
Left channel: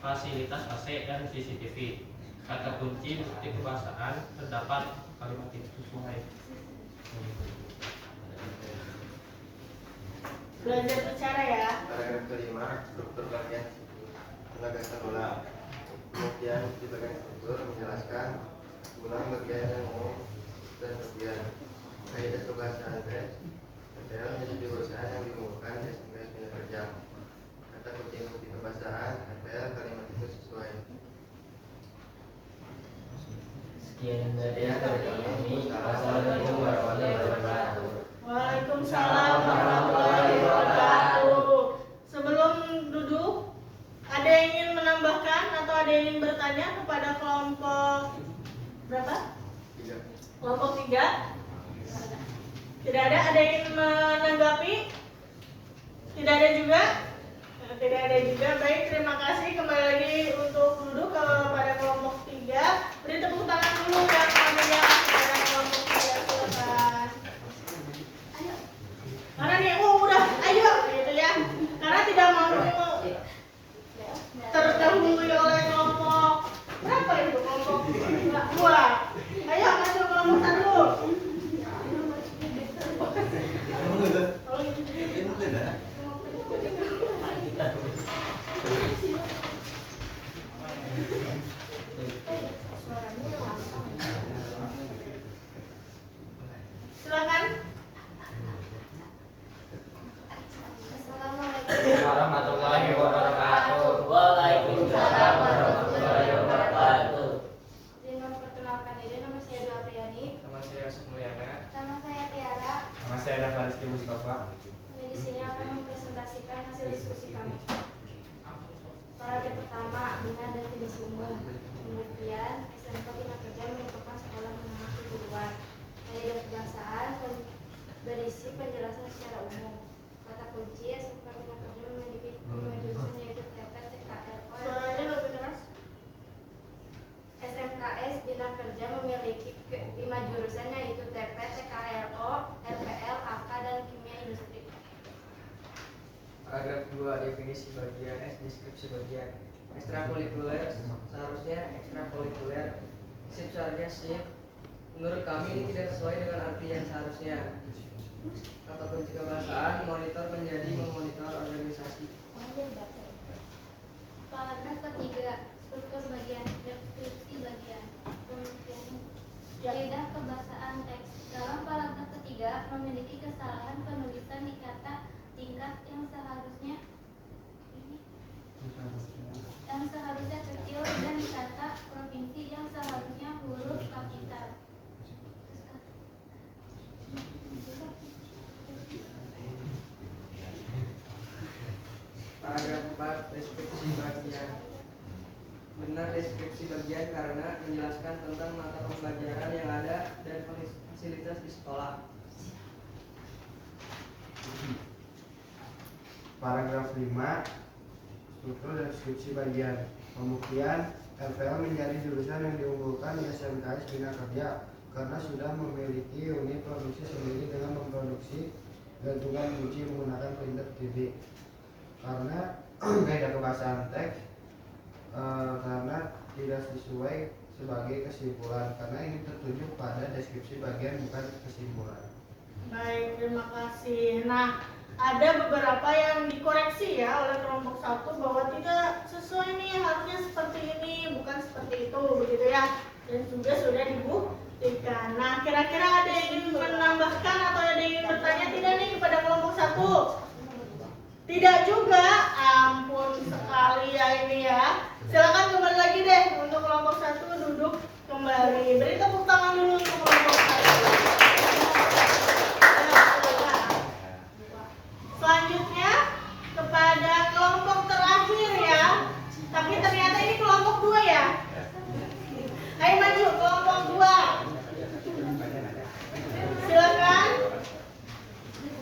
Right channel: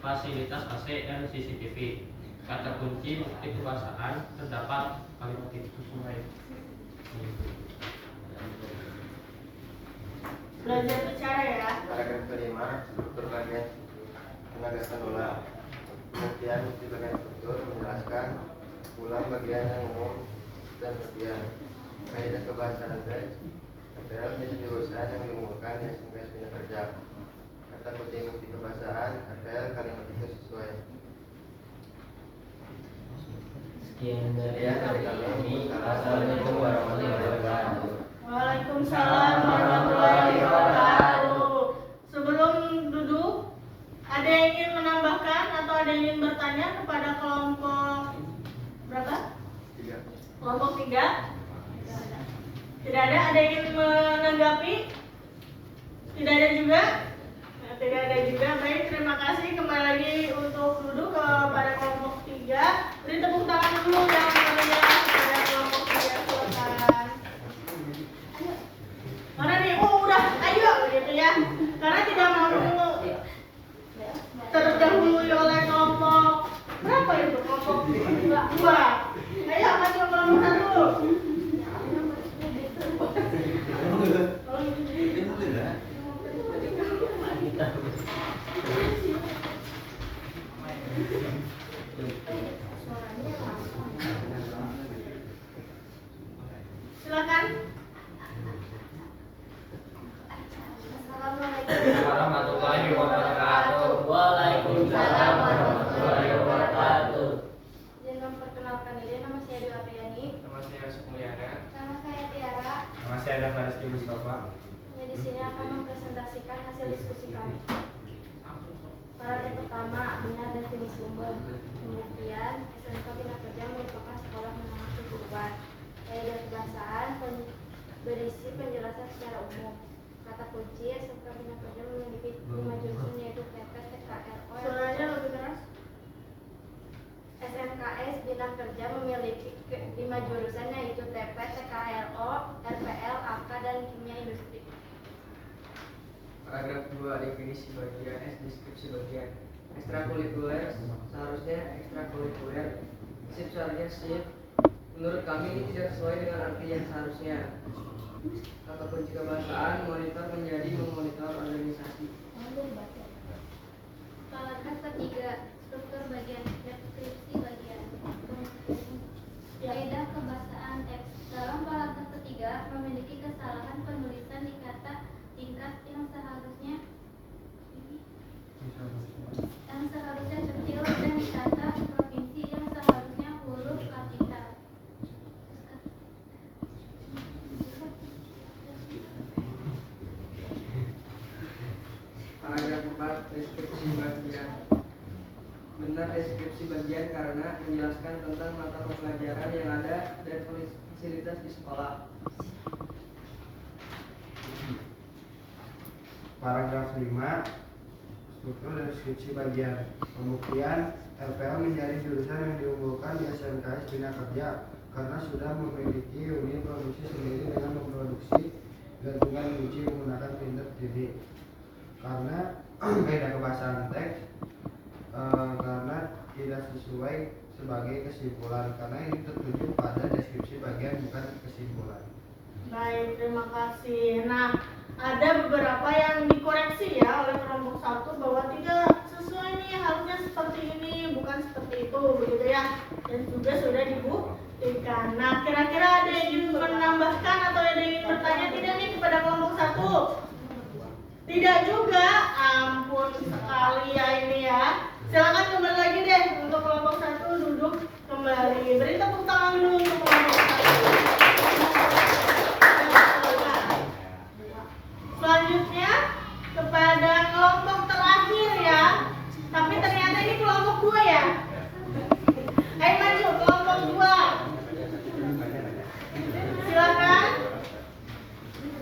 fasilitas AC dan CCTV. Kata kunci bukti kebahasaan terdapat kalimat itu sesuai. Belajar bicara ya. Paragraf kelima, struktur bagian penegasan ulang. Kemudian di bagian struktur menjelaskan ulang bagian yang umum dan bagian kaidah kebahasaan teks. FPL menjadi jurusan yang diumumkan di SMKS Bina Kerja. Kata kunci bukti kebahasaan FPL kalimat itu sesuai. Sekian dari kami. Assalamualaikum warahmatullahi wabarakatuh. Waalaikumsalam warahmatullahi wabarakatuh. Sebelum duduk, ada yang ingin menambahkan atau ada yang ingin bertanya kepada kelompok berapa? 3. Kelompok 3? Tidak ada. Ada yang ingin menanggapi? Tidak ada juga? Tidak ada juga. Baik, terima kasih. Kembali lagi untuk duduk kepada kelompok 3. Beri tepuk tangan dulu yang kami kepada kelompok 3. Silakan. Ayo. Mana nih? Oh, udah. Ayo gitu ya. Karena tidak mau terdahului oleh kelompok berapa itu? Kelompok 2. Ayo maju kelompok 1. Silakan. Assalamualaikum Warahmatullahi wabarakatuh. Waalaikumsalam warahmatullahi wabarakatuh. Izin memperkenalkan diri, nama saya Dwi Apriani. Nama saya Sukmuyana. Nama saya Tiara. Nama saya Adam Mariski Mustafa. Kami di sini akan mempresentasikan hasil diskusi kami. Paragraf pertama, benar dan tidak sumber. Kemudian, SMK Bina Kerja merupakan sekolah menengah kejuruan. Kaidah kebahasaan berisi penjelasan secara umum. Kata kunci, SMK Bina Kerja memiliki 5 jurusan yaitu TP, TKRO, Suaranya lebih keras. SMKS Bina Kerja memiliki 5 jurusan yaitu TP, TKRO, RPL, AK, dan Kimia Industri. Paragraf 2, definisi bagian S, deskripsi bagian. Ekstrakurikuler, seharusnya ekstrakurikuler. Sip, seharusnya sip. Menurut kami ini tidak sesuai dengan arti yang seharusnya. Kata kunci kebahasaan, monitor menjadi memonitor organisasi. Paragraf ketiga, struktur bagian, deskripsi bagian. Kaidah kebahasaan teks. Dalam paragraf ketiga memiliki kesalahan penulisan di kata tingkat yang seharusnya kecil dan kata provinsi yang seharusnya huruf kapital. Paragraf 4, deskripsi bagian. Benar deskripsi bagian karena menjelaskan tentang mata pelajaran yang ada dan fasilitas di sekolah. Paragraf 5, struktur dan deskripsi bagian. Pembuktian, FPL menjadi jurusan yang diunggulkan di SMKS Bina Kerja karena sudah memiliki unit produksi sendiri dengan memproduksi gantungan kunci menggunakan printer 3D. Karena kaidah kebahasaan teks, karena tidak sesuai sebagai kesimpulan, karena ini tertuju pada deskripsi bagian bukan kesimpulan. Baik, terima kasih. Nah, ada beberapa yang dikoreksi ya oleh kelompok 1 bahwa tidak sesuai nih, harusnya seperti ini, bukan seperti itu, begitu ya. Dan juga sudah dibuktikan. Nah, kira-kira ada yang ingin menambahkan atau ada yang ingin bertanya tidak nih kepada kelompok 1? Tidak juga, ampun sekali ya ini ya. Silakan kembali lagi deh untuk kelompok 1 duduk kembali. Beri tepuk tangan dulu untuk kelompok 1. Selanjutnya kepada kelompok terakhir ya. Tapi ternyata ini kelompok 2 ya. Ayo maju kelompok 2. Silakan.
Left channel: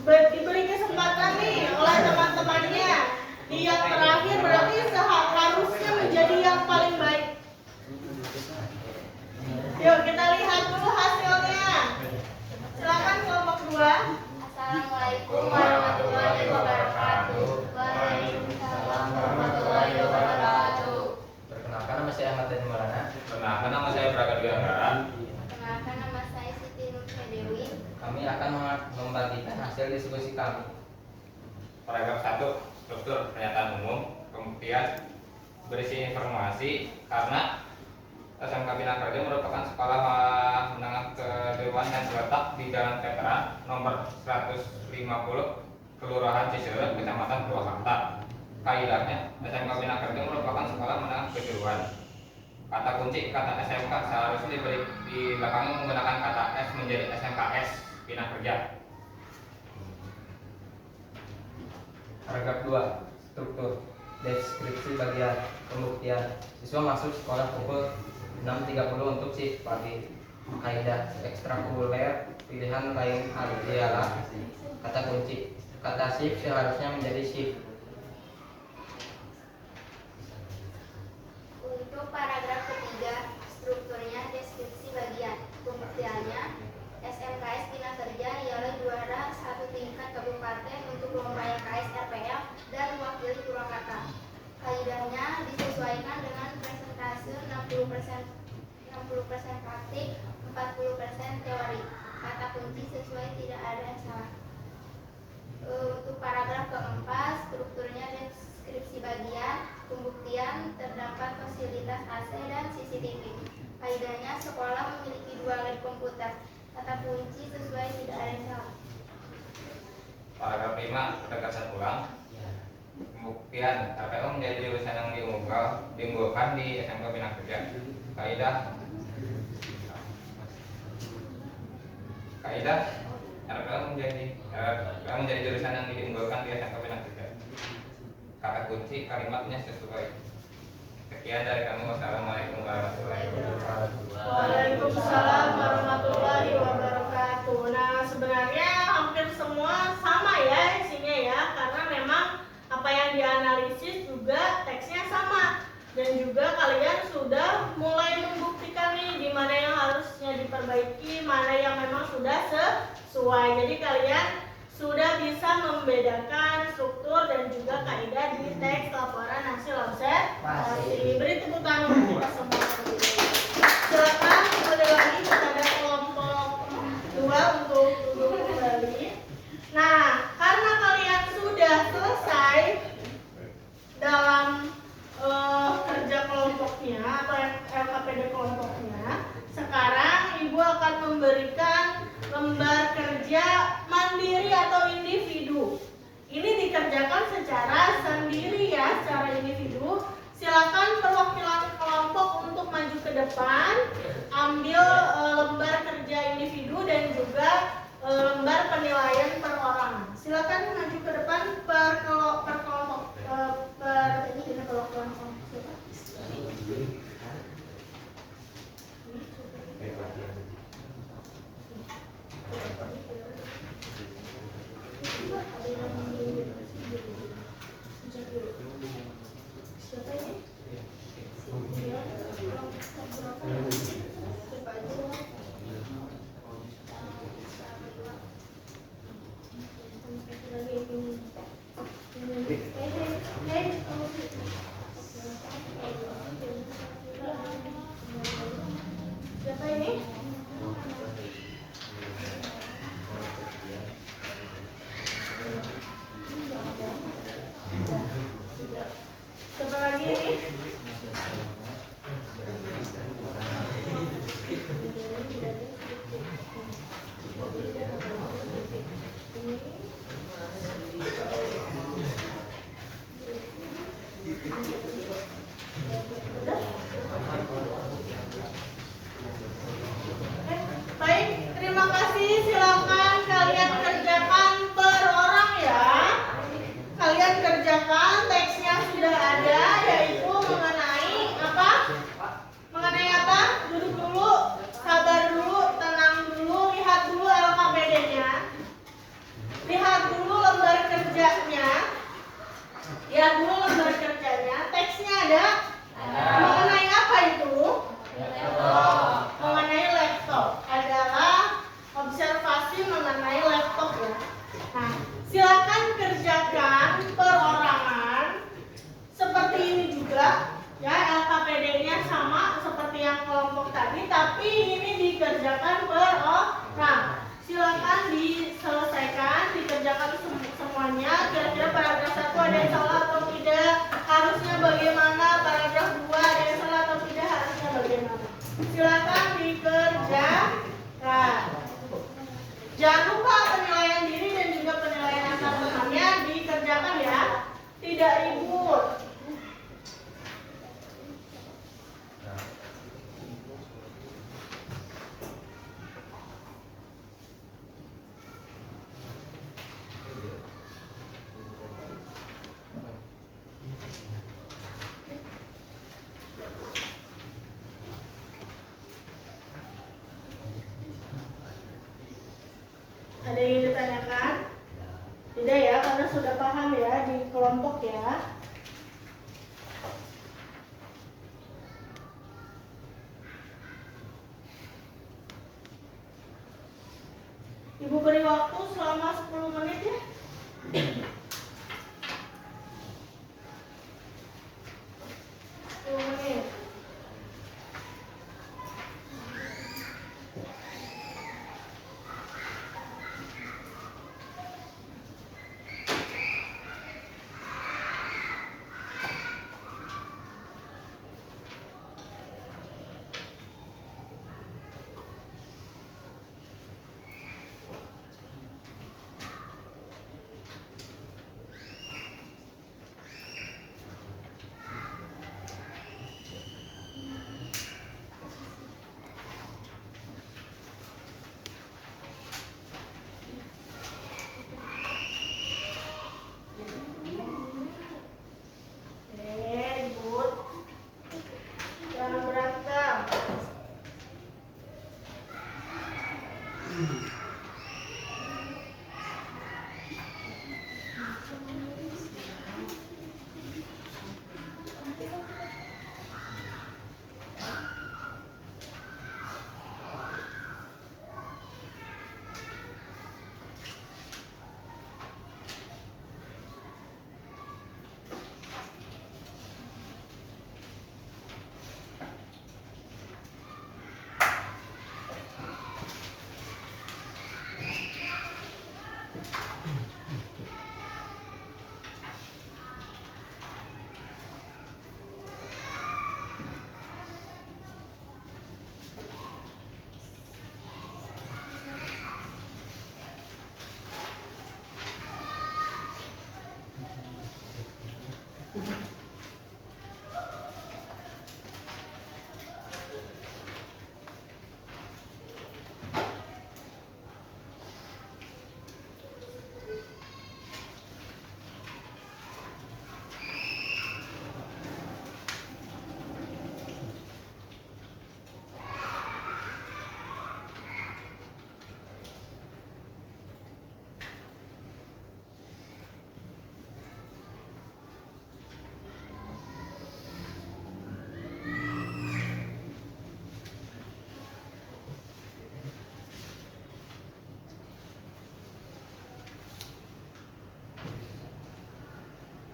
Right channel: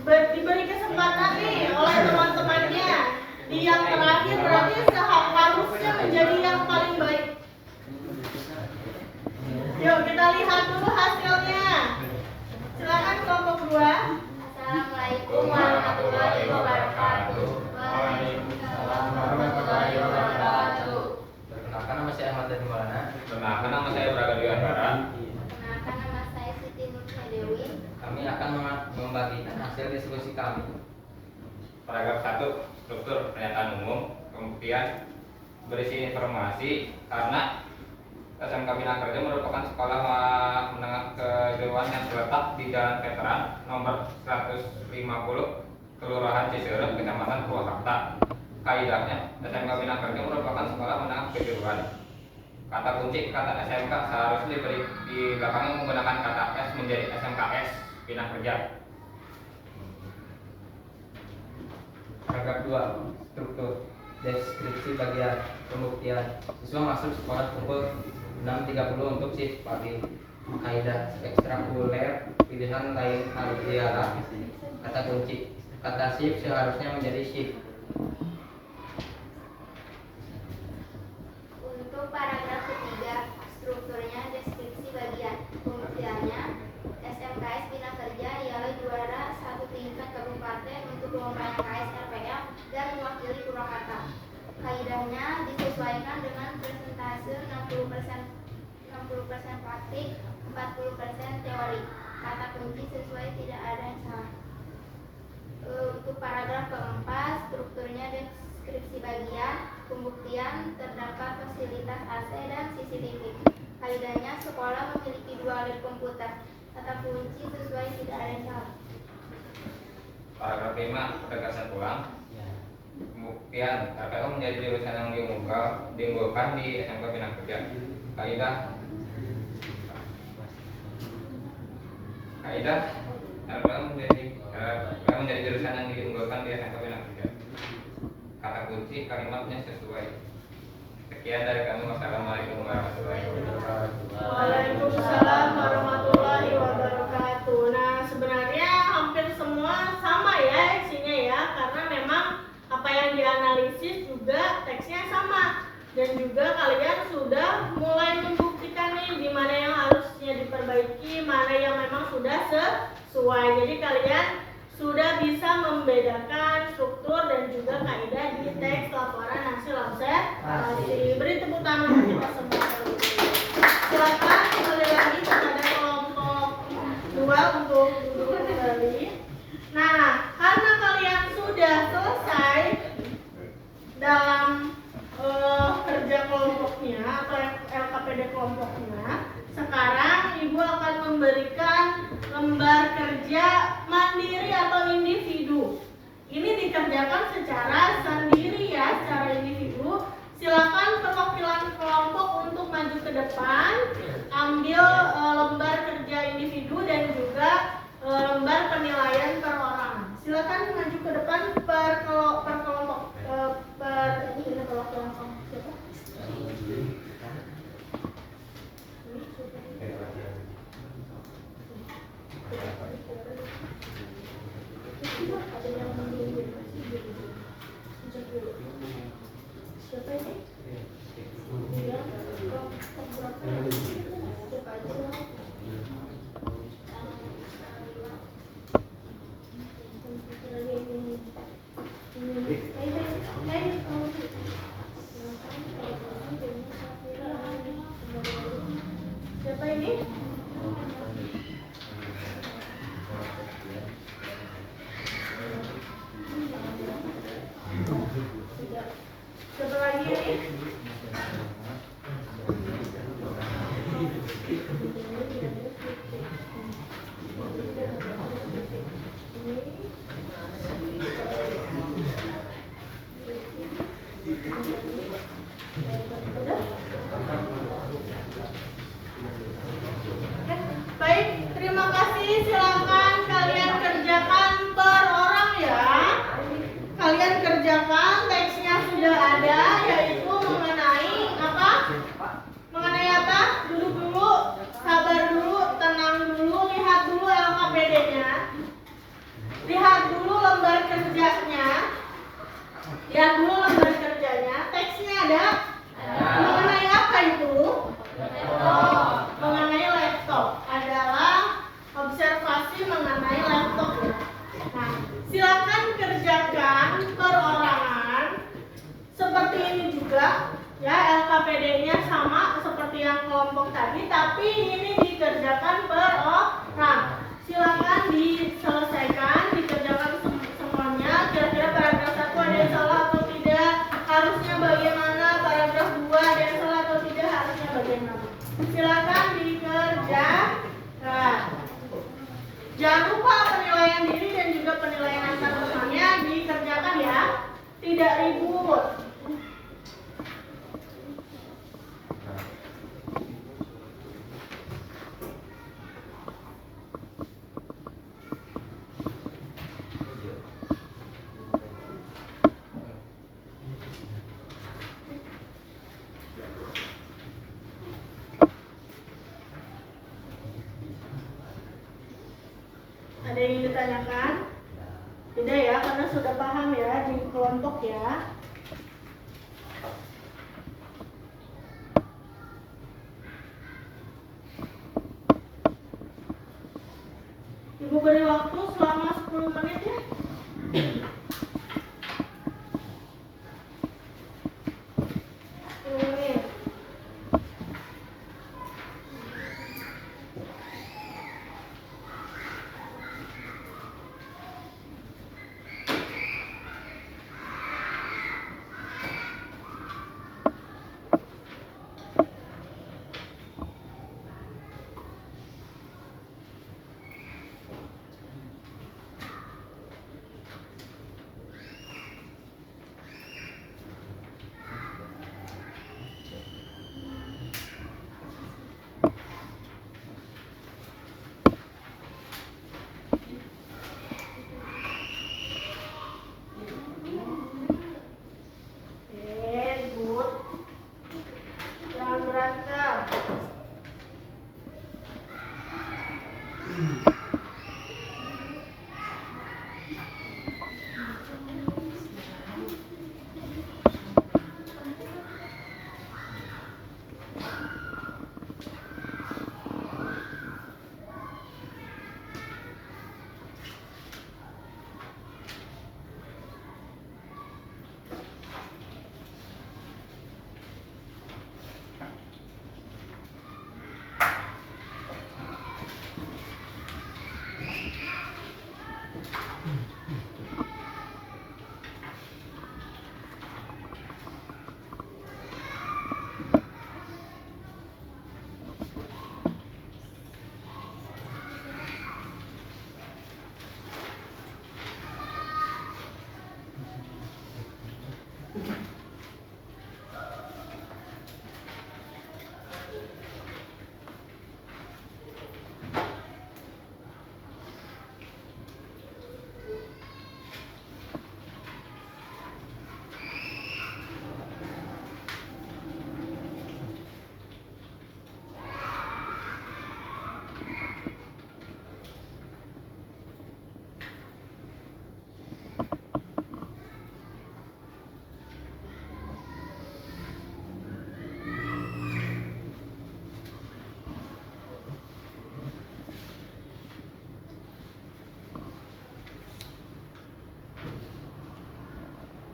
Diberi kesempatan nih oleh teman-temannya. Di yang terakhir berarti seharusnya menjadi yang paling baik saya Ahmad Dhani Maulana. Perkenalkan, nama saya Braga Dwi Anggara. Perkenalkan, nama saya Siti Nurhaya Dewi. Kami akan membagikan hasil diskusi kami. Paragraf 1, struktur pernyataan umum. Pembuktian berisi informasi karena SMK Bina Kerja merupakan sekolah menengah kejuruan yang terletak di Jalan Veteran nomor 150, Kelurahan Ciseureup, Kecamatan Purwakarta. Kaidahnya, SMK Bina Kerja merupakan sekolah menengah kejuruan. Kata kunci kata SMK seharusnya diberi di belakangnya menggunakan kata S menjadi SMKS Bina Kerja. Paragraf 2, struktur deskripsi bagian pembuktian. Siswa masuk sekolah pukul 6.30 untuk shift pagi. Kaidah ekstrakurikuler pilihan lain ialah kata kunci. Kata shift seharusnya menjadi shift. Untuk paragraf ketiga, strukturnya deskripsi bagian. Pembuktiannya, SMKS Bina Kerja ialah juara satu tingkat kabupaten untuk lomba LKS RPL dan mewakili Purwakarta. Kaidahnya disesuaikan dengan persentase 60% praktik, 40% teori. Kata kunci sesuai, tidak ada yang salah. Untuk paragraf keempat, strukturnya deskripsi bagian. Pembuktian, terdapat fasilitas AC dan CCTV. Kaidahnya, sekolah memiliki 2 lab komputer. Kata kunci sesuai, tidak ada yang salah. Paragraf 5, penegasan ulang. Pembuktian, RPO menjadi jurusan yang diunggulkan di SMK Bina Kerja. Kaidah RPO menjadi jurusan yang diunggulkan di SMK Bina Kerja. Kata kunci kalimatnya sesuai. Sekian dari kami. Wassalamualaikum warahmatullahi wabarakatuh. Waalaikumsalam warahmatullahi wabarakatuh. Nah, sebenarnya hampir semua sama ya isinya ya, karena memang apa yang dianalisis juga teksnya sama, dan juga kalian sudah mulai membuktikan nih di mana yang harusnya diperbaiki, mana yang memang sudah sesuai. Jadi kalian sudah bisa membedakan struktur dan juga kaidah di teks laporan hasil observasi. Beri tepuk tangan untuk kita semua. Silakan kembali lagi kepada kelompok 2 untuk duduk kembali. Nah, karena kalian sudah selesai dalam kerja kelompoknya atau LKPD kelompoknya, sekarang Ibu akan memberikan lembar kerja mandiri atau individu. Ini dikerjakan secara sendiri ya, secara individu. Silakan perwakilan kelompok untuk maju ke depan, ambil lembar kerja individu dan juga lembar penilaian perorangan. Silakan maju ke depan per kelompok ini perwakilan kelompok siapa? Siapa ini? Dia kelompok berapa? Siapa aja? Siapa ini? Siapa lagi ini? Baik, terima kasih. Silakan kalian kerjakan per orang ya. Kalian kerjakan, teksnya sudah ada, yaitu mengenai apa? Mengenai apa? Duduk dulu, sabar dulu, tenang dulu, lihat dulu LKPD-nya. Lihat dulu lembar kerjanya. Lihat dulu lembar kerjanya. Teksnya ada? Mengenai apa itu? Mengenai laptop. Adalah observasi mengenai laptop ya. Nah, silakan kerjakan perorangan seperti ini juga ya, LKPD-nya yang kelompok tadi, tapi ini dikerjakan per orang. Silakan diselesaikan, dikerjakan semuanya. Kira-kira paragraf 1 ada yang salah atau tidak? Harusnya bagaimana? Paragraf 2 ada yang salah atau tidak? Harusnya bagaimana? Silakan dikerjakan. Jangan lupa penilaian diri dan juga penilaian antar temannya dikerjakan ya. Tidak ribut. Ada yang ingin ditanyakan? Tidak ya, karena sudah paham ya di kelompok ya. Ibu beri waktu selama 10 menit ya. 10 menit. Good. Jangan berantem.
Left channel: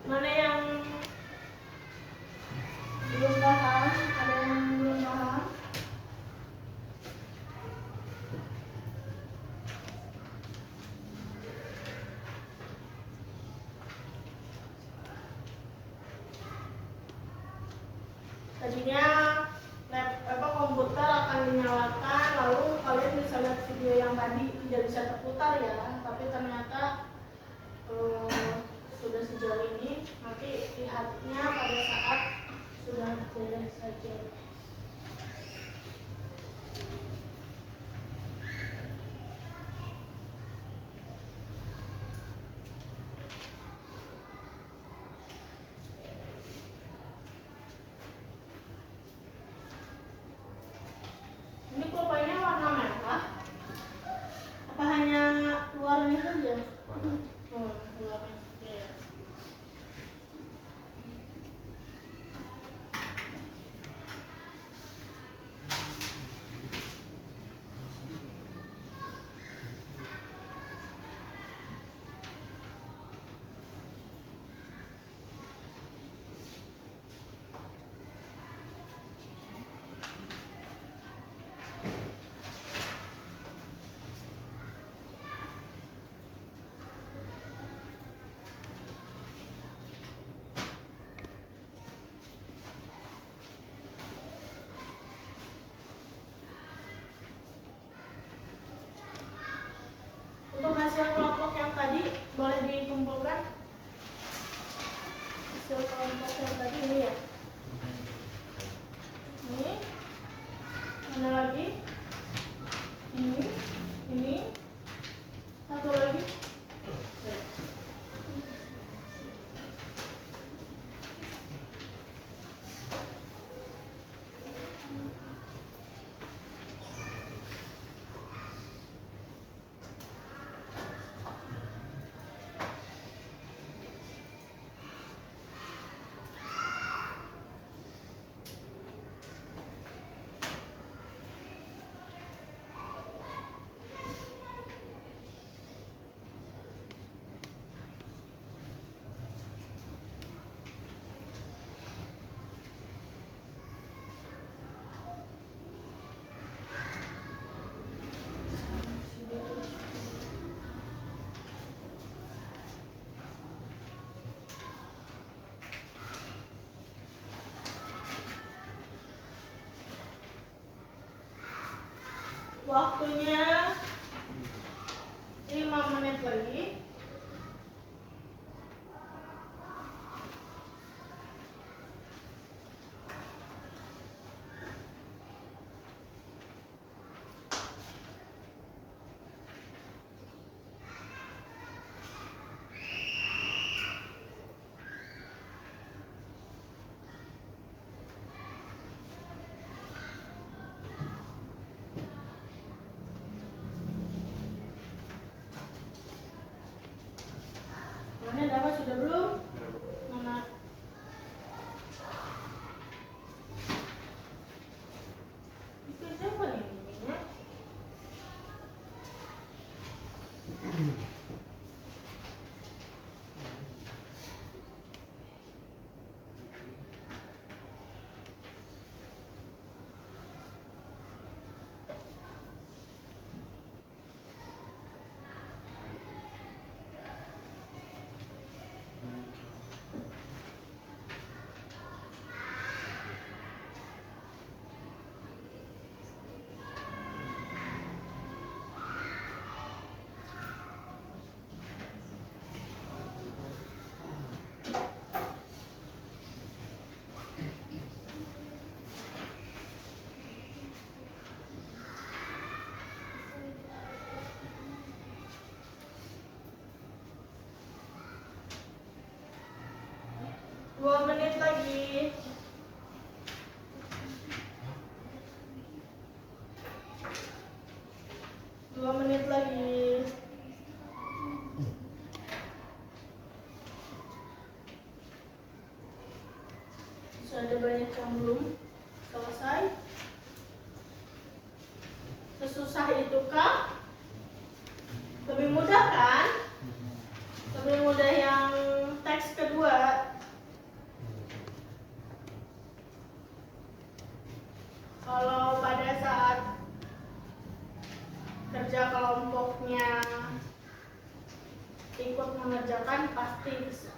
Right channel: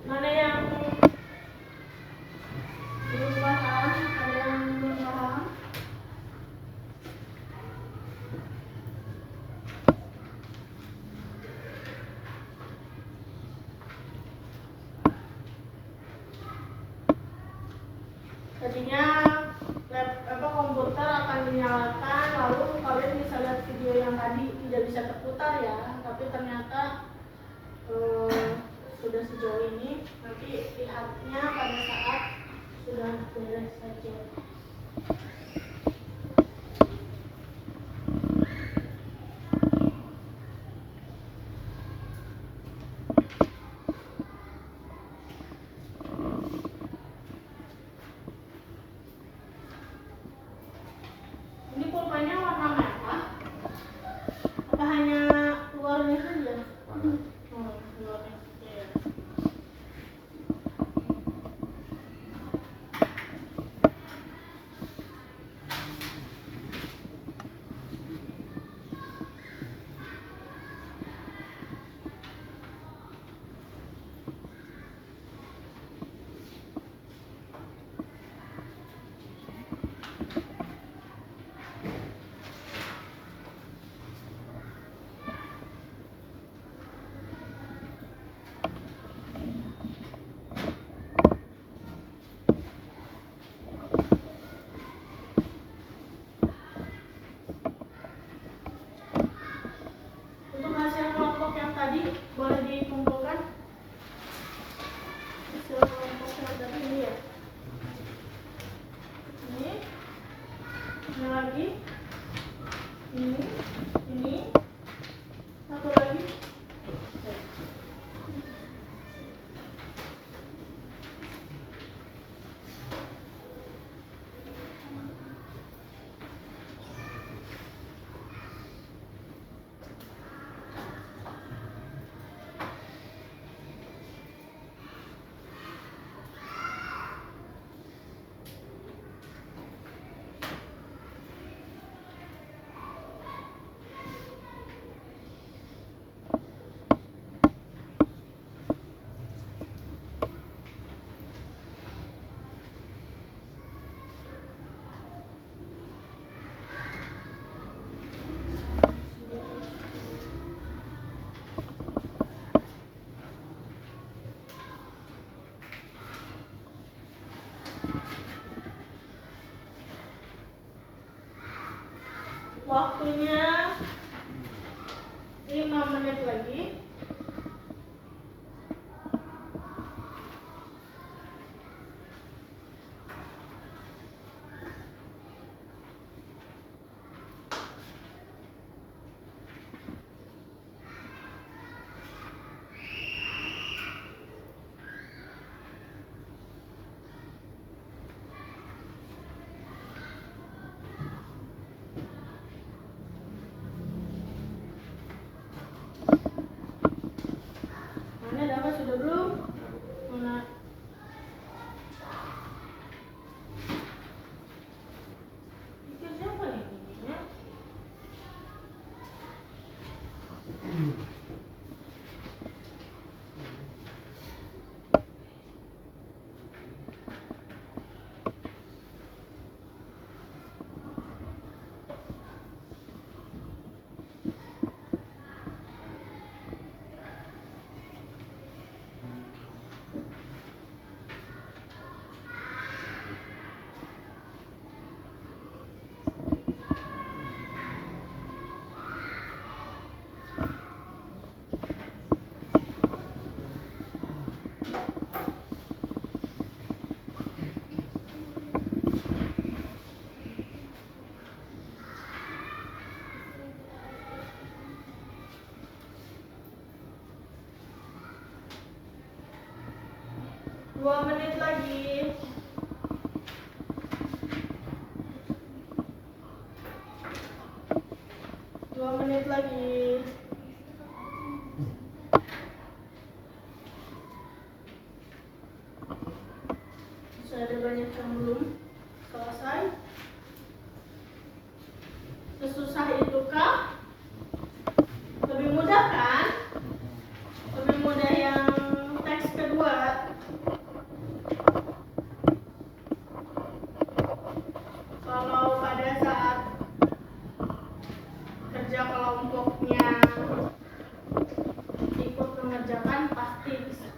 Mana yang belum paham? Ada yang belum paham? Tadinya komputer akan dinyalakan, lalu kalian bisa lihat video yang tadi tidak bisa terputar ya, tapi ternyata sudah sejauh ini, nanti lihatnya pada saat sudah beres saja. Ini pulpanya warna merah, apa hanya luarnya saja? Luarnya saja ya. Mana lagi? Ini, satu lagi. Waktunya 5 menit lagi. Mana dapat sudah belum? Mana? Itu siapa ini? Dua menit lagi. Dua menit lagi. Masih ada banyak yang belum selesai. Sesusah itukah? Lebih mudah kan? Lebih mudah yang teks kedua. Kalau pada saat kerja kelompoknya ikut mengerjakan pasti bisa.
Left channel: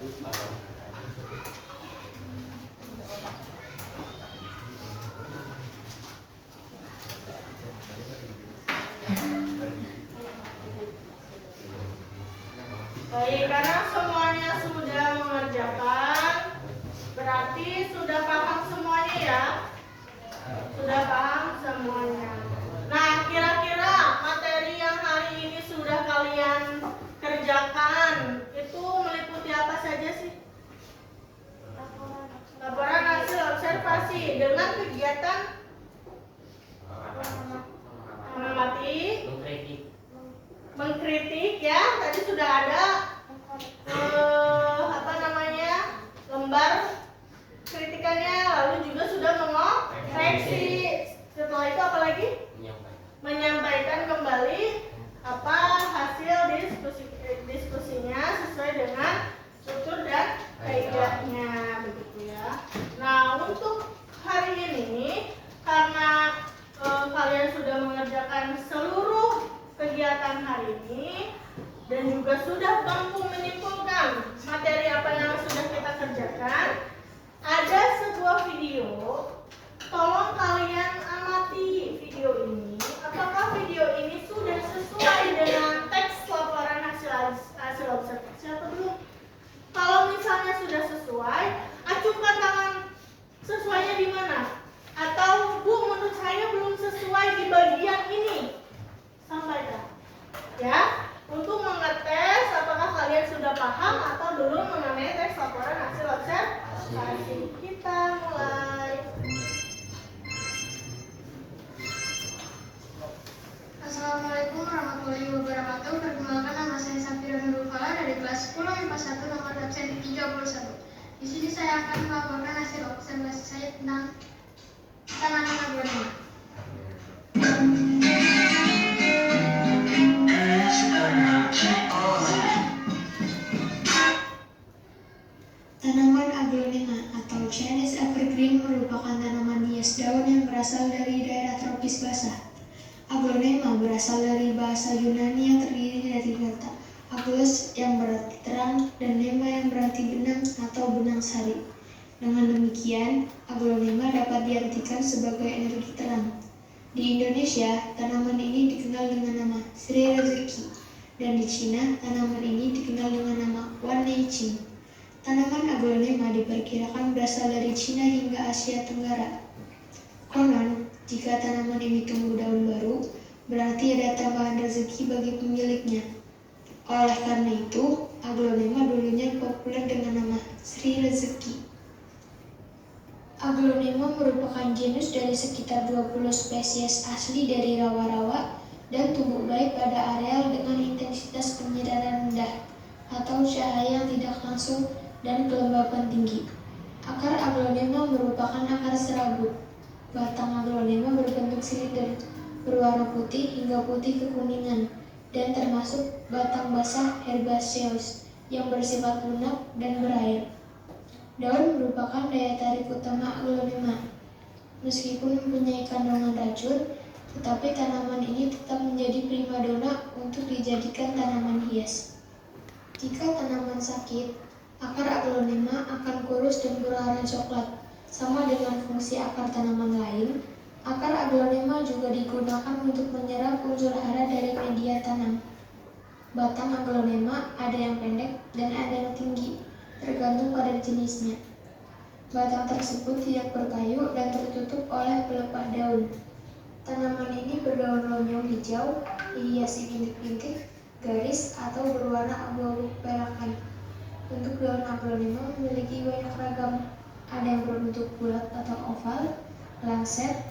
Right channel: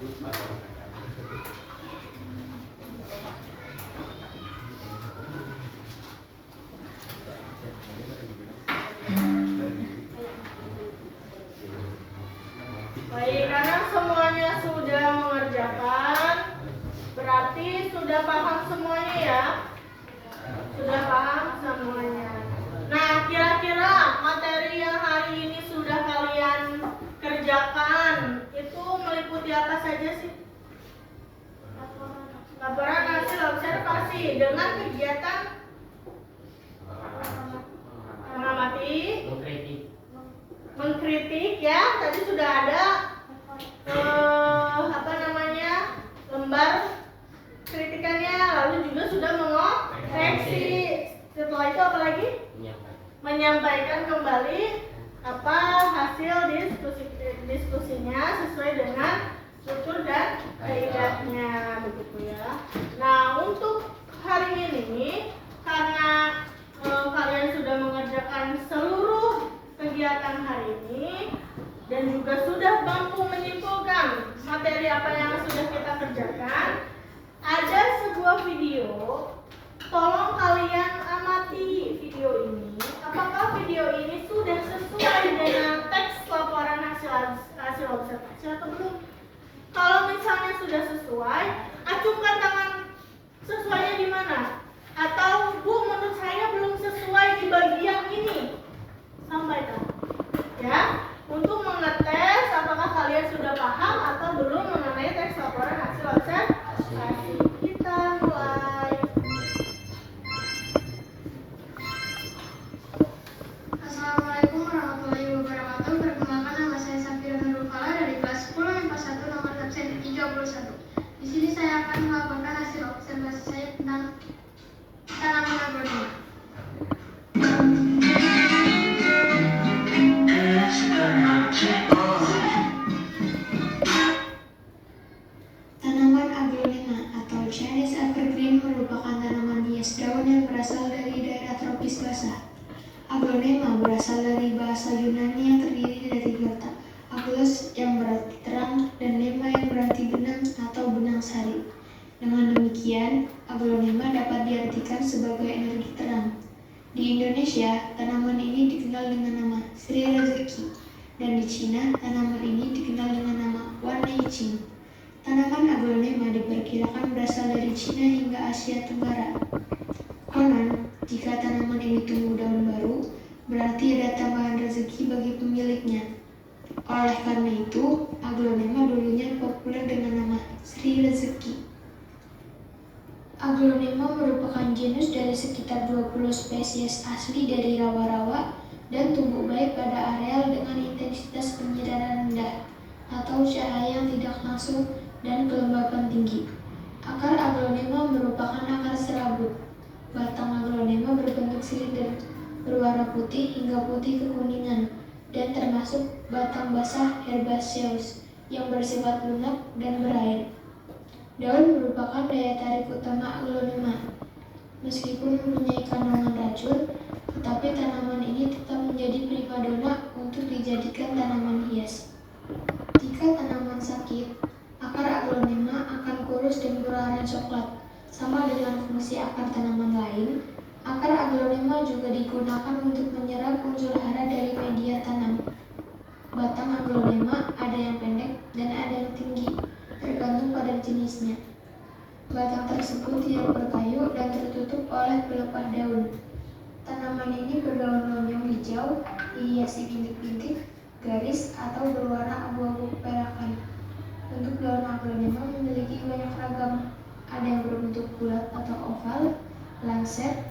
Baik, karena semuanya sudah mengerjakan, berarti sudah paham semuanya ya. Sudah paham semuanya. Nah, kira-kira materi yang hari ini sudah kalian kerjakan itu meliputi apa saja sih? Laporan hasil observasi dengan kegiatan mengamati, mengkritik ya, tadi sudah ada lembar kritikannya, lalu juga sudah mengoreksi. Setelah itu apa lagi? Menyampaikan kembali apa hasil diskusinya sesuai dengan struktur dan kaidahnya, begitu ya. Nah, untuk hari ini karena kalian sudah mengerjakan seluruh kegiatan hari ini dan juga sudah mampu menyimpulkan materi apa yang sudah kita kerjakan, ada sebuah video. Tolong kalian amati video ini. Apakah video ini sudah sesuai dengan teks laporan hasil observasi atau belum? Kalau misalnya sudah sesuai, acungkan tangan. Sesuainya di mana? Atau Bu, menurut saya belum sesuai di bagian ini. Sampaikan ya, untuk mengetes apakah kalian sudah paham atau belum mengenai teks laporan hasil observasi. Kita mulai. Assalamualaikum warahmatullahi wabarakatuh. Perkenalkan, nama saya Safira Nurul Fala dari kelas 10 MIPA 1 nomor absen 31. Di sini saya akan melaporkan hasil observasi saya tentang tanaman agronom. Tanaman aglonema atau Chinese evergreen merupakan tanaman hias daun yang berasal dari daerah tropis basah. Aglonema berasal dari bahasa Yunani yang terdiri dari kata aglos yang berarti terang dan nema yang berarti benang atau benang sari. Dengan demikian, aglonema dapat diartikan sebagai energi terang. Di Indonesia, tanaman ini dikenal dengan nama Sri Rezeki, dan di Cina, tanaman ini dikenal dengan nama Wan Neiqing. Tanaman aglonema diperkirakan berasal dari Cina hingga Asia Tenggara. Konon, jika tanaman ini tumbuh daun baru, berarti ada tambahan rezeki bagi pemiliknya. Oleh karena itu, aglonema dulunya populer dengan nama Sri Rezeki. Aglonema merupakan genus dari sekitar 20 spesies asli dari rawa-rawa dan tumbuh baik pada areal dengan intensitas penyiraman rendah atau cahaya yang tidak langsung dan kelembapan tinggi. Akar aglonema merupakan akar serabut. Batang aglonema berbentuk silinder, berwarna putih hingga putih kekuningan, dan termasuk batang basah herbaceous yang bersifat lunak dan berair. Daun merupakan daya tarik utama aglonema. Meskipun mempunyai kandungan racun, tetapi tanaman ini tetap menjadi primadona untuk dijadikan tanaman hias. Jika tanaman sakit, akar aglonema akan kurus dan berwarna coklat. Sama dengan fungsi akar tanaman lain, akar aglonema juga digunakan untuk menyerap unsur hara dari media tanam. Batang aglonema ada yang pendek dan ada yang tinggi, tergantung pada jenisnya. Batang tersebut tidak berkayu dan tertutup oleh pelepah daun. Tanaman ini berdaun lonjong hijau, dihiasi bintik-bintik, garis, atau berwarna abu-abu keperakan. Bentuk daun aglonema memiliki banyak ragam. Ada yang berbentuk bulat atau oval, lancet,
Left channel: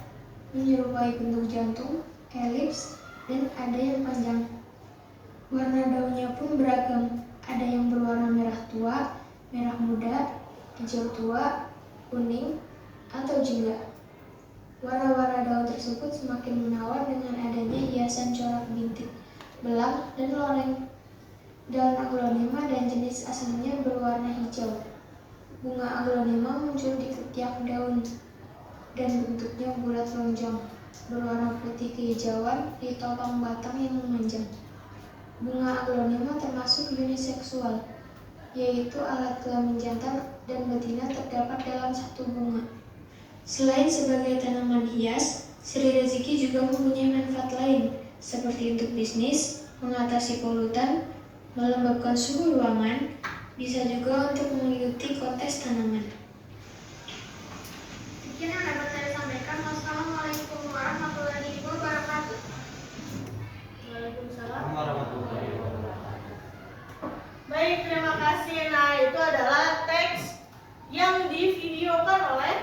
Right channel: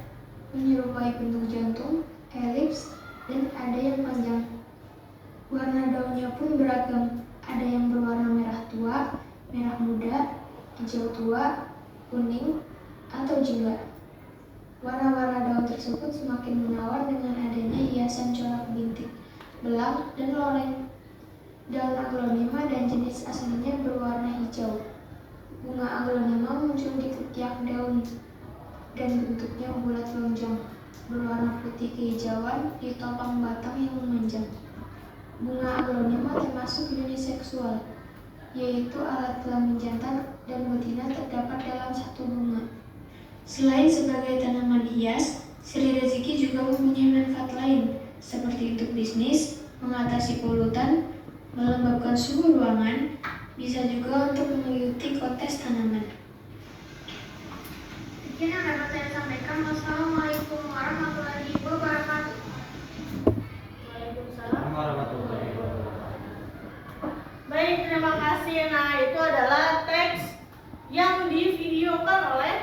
menyerupai bentuk jantung, elips, dan ada yang panjang. Warna daunnya pun beragam. Ada yang berwarna merah tua, merah muda, hijau tua, kuning, atau jingga. Warna-warna daun tersebut semakin menawan dengan adanya hiasan corak bintik, belang, dan loreng. Daun aglonema dan jenis aslinya berwarna hijau. Bunga aglonema muncul di ketiak daun dan bentuknya bulat lonjong, berwarna putih kehijauan di topang batang yang memanjang. Bunga aglonema termasuk uniseksual. yaitu alat kelamin jantan dan betina terdapat dalam satu bunga. Selain sebagai tanaman hias, Sri Rezeki juga mempunyai manfaat lain, seperti untuk bisnis, mengatasi polutan, melembabkan suhu ruangan, bisa juga untuk mengikuti kontes tanaman. Sekian yang dapat saya sampaikan. Wassalamualaikum warahmatullahi wabarakatuh. Waalaikumsalam. warahmatullahi wabarakatuh. Baik, terima kasih. Nah, itu adalah teks yang divideokan oleh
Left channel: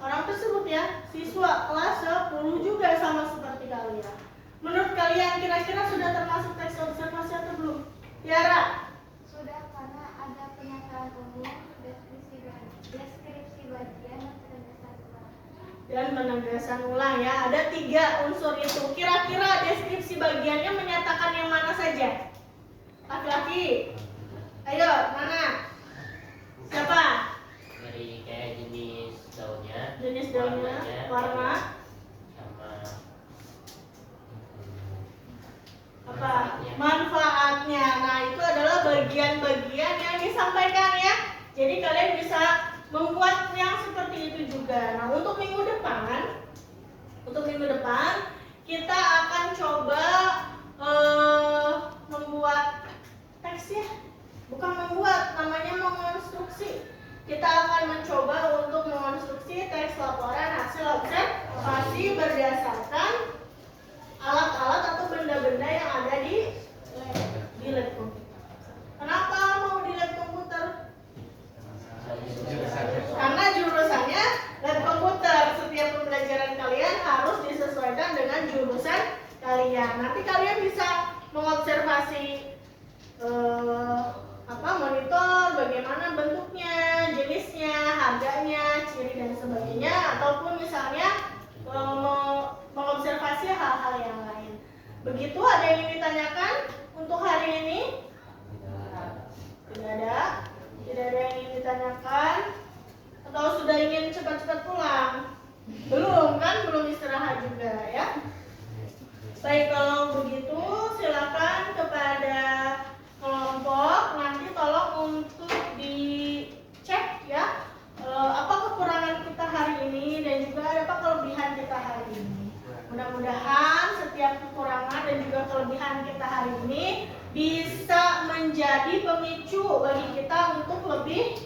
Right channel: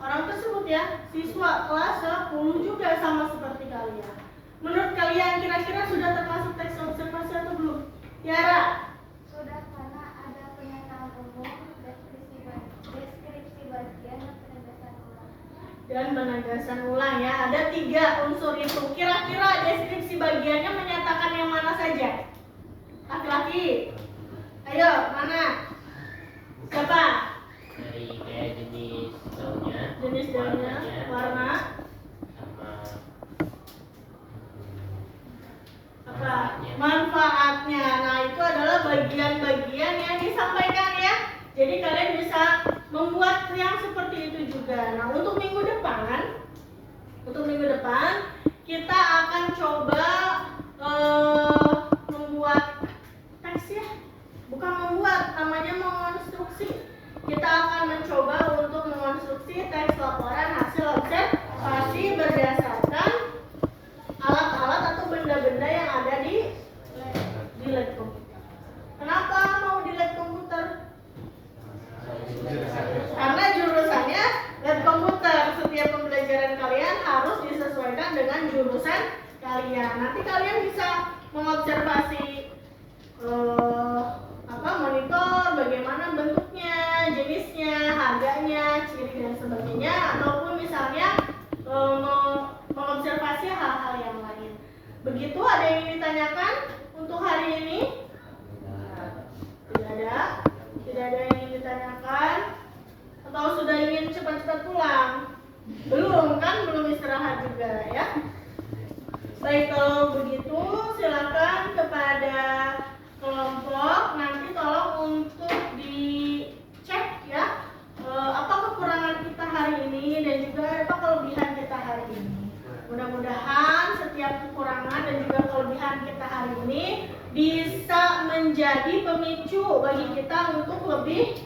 orang tersebut ya, siswa kelas 10 juga sama seperti kalian. Menurut kalian kira-kira sudah termasuk teks observasi atau belum? Tiara? Sudah, karena ada pernyataan umum, deskripsi bagian dan penegasan ulang. Dan penegasan ulang ya. Ada 3 unsur itu. Kira-kira deskripsi bagiannya menyatakan yang mana saja? Laki-laki. Ayo, mana? Siapa? Dari kayak jenis daunnya, Jenis daunnya, warna, sama apa? Manfaatnya. Nah, itu adalah bagian-bagian yang disampaikan ya. Jadi kalian bisa membuat yang seperti itu juga. Nah, untuk minggu depan kita akan coba membuat teks ya. Bukan membuat, namanya mengonstruksi. Kita akan mencoba untuk mengonstruksi teks laporan hasil observasi berdasarkan alat-alat atau benda-benda yang ada di lab komputer. Kenapa mau di lab komputer? Karena jurusannya lab komputer. Setiap pembelajaran kalian harus disesuaikan dengan jurusan kalian. Nanti kalian bisa mengobservasi monitor, bagaimana bentuknya, jenisnya, harganya, ciri dan sebagainya, ataupun misalnya mengobservasi hal-hal yang lain. Begitu, ada yang ingin ditanyakan untuk hari ini? Tidak ada yang ingin ditanyakan? Atau sudah ingin cepat-cepat pulang? Belum kan? Belum istirahat juga ya? Baik, kalau begitu silakan kepada kelompok nanti tolong untuk dicek ya apa kekurangan kita hari ini dan juga apa kelebihan kita hari ini. Mudah-mudahan setiap kekurangan dan juga kelebihan kita hari ini bisa menjadi pemicu bagi kita untuk lebih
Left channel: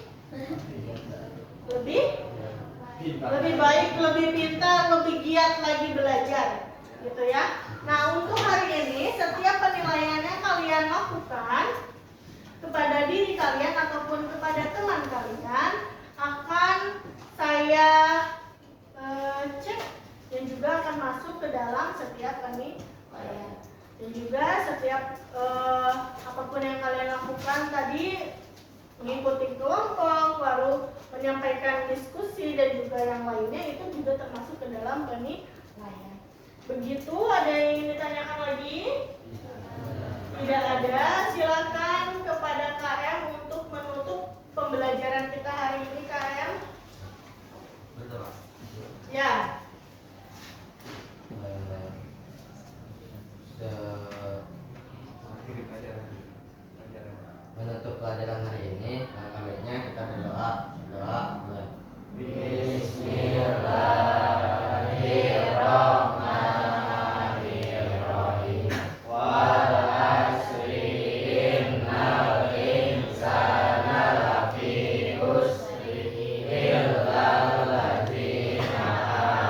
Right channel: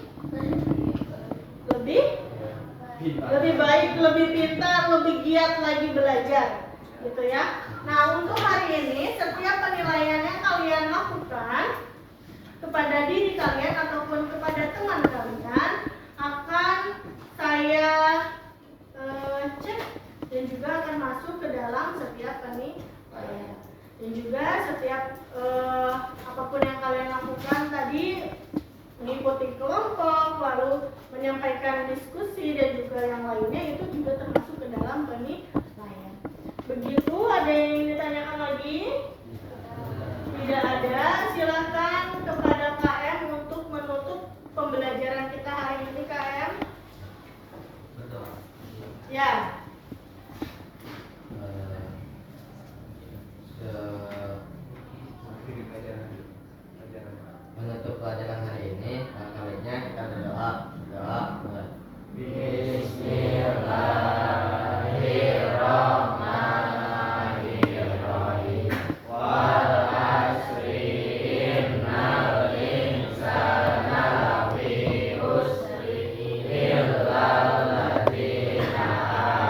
baik, lebih pintar, lebih giat lagi belajar, gitu ya. Nah, untuk hari ini setiap penilaian yang kalian lakukan kepada diri kalian ataupun kepada teman kalian akan saya cek dan juga akan masuk ke dalam setiap penilaian. Dan juga setiap apapun yang kalian lakukan tadi, mengikuti kelompok, lalu menyampaikan diskusi dan juga yang lainnya, itu juga termasuk ke dalam penilaian. Begitu, ada yang ingin ditanyakan lagi? Tidak ada. Silakan kepada KM untuk menutup pembelajaran kita hari ini. KM? Betul. Ya. Menutup pelajaran hari ini, baiknya kita berdoa. Bismillahirrahmanirrahim. Wal asri innal insana lafi khusri illa alladzina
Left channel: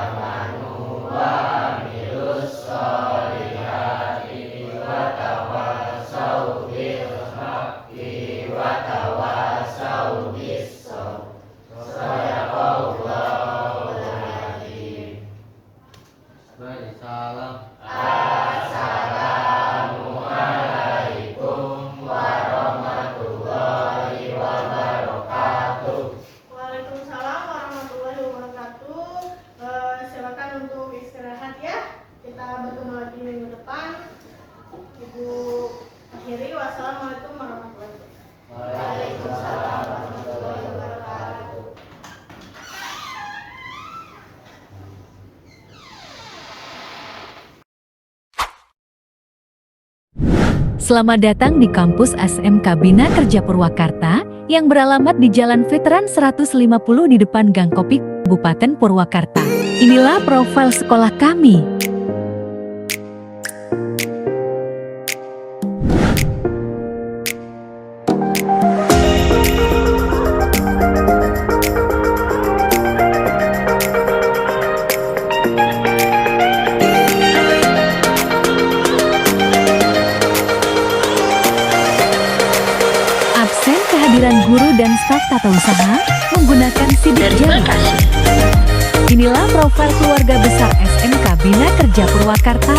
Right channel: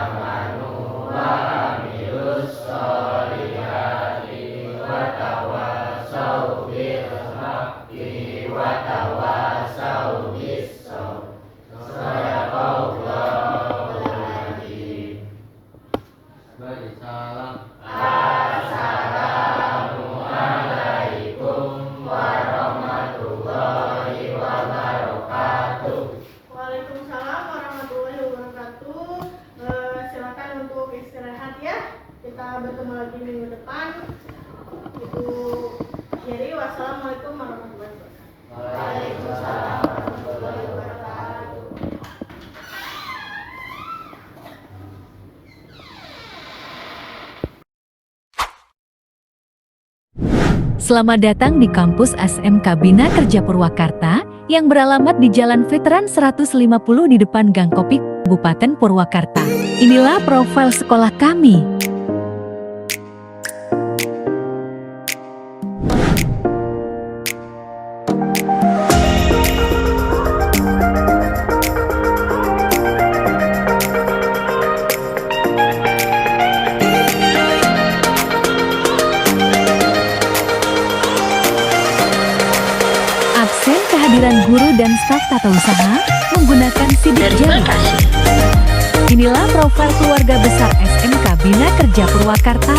amanu wa amilus sholihati wa tawassaw bil haqqi wa tawassaw Selamat datang di kampus SMK Bina Kerja Purwakarta yang beralamat di Jalan Veteran 150 di depan Gang Kopi, Kabupaten Purwakarta. Inilah profil sekolah kami. Absen kehadiran guru dan staf tata usaha menggunakan sidik jari. Inilah profil keluarga besar SMK Bina Kerja Purwakarta.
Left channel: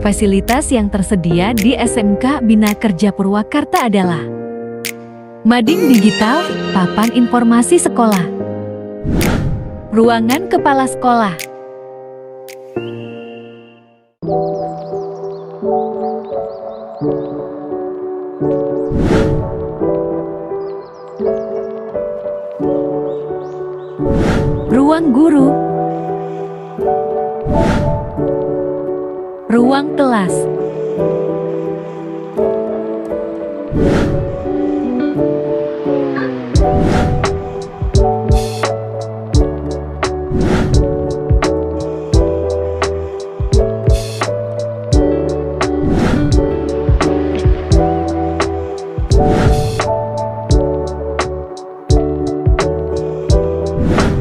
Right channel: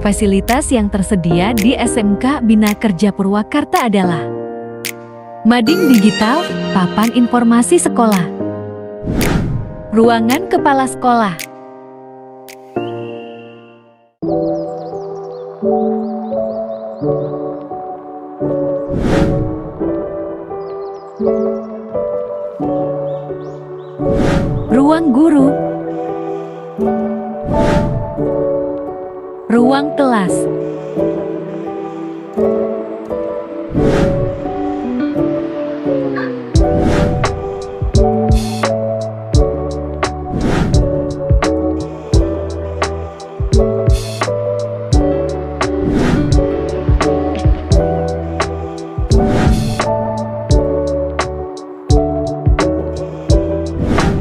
Fasilitas yang tersedia di SMK Bina Kerja Purwakarta adalah mading digital, papan informasi sekolah, ruangan kepala sekolah, ruang guru, ruang kelas,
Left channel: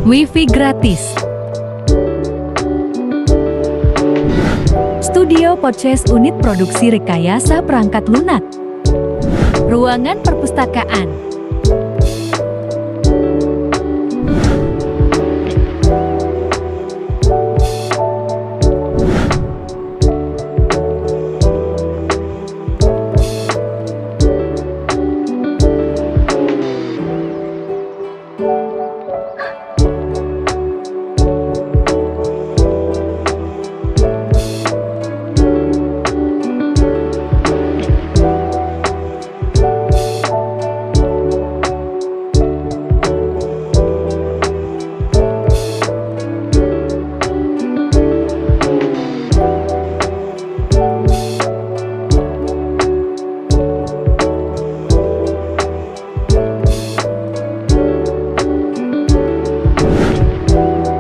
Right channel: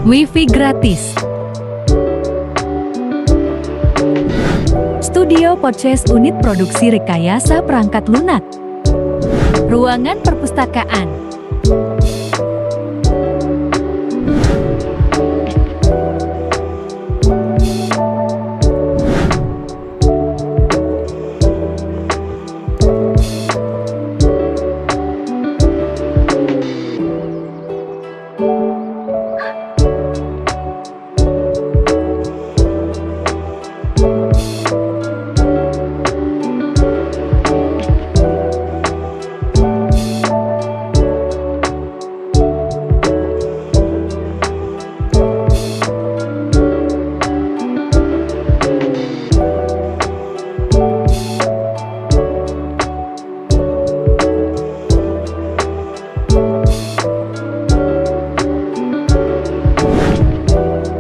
Wi-Fi gratis. Studio podcast unit produksi rekayasa perangkat lunak. Ruangan perpustakaan.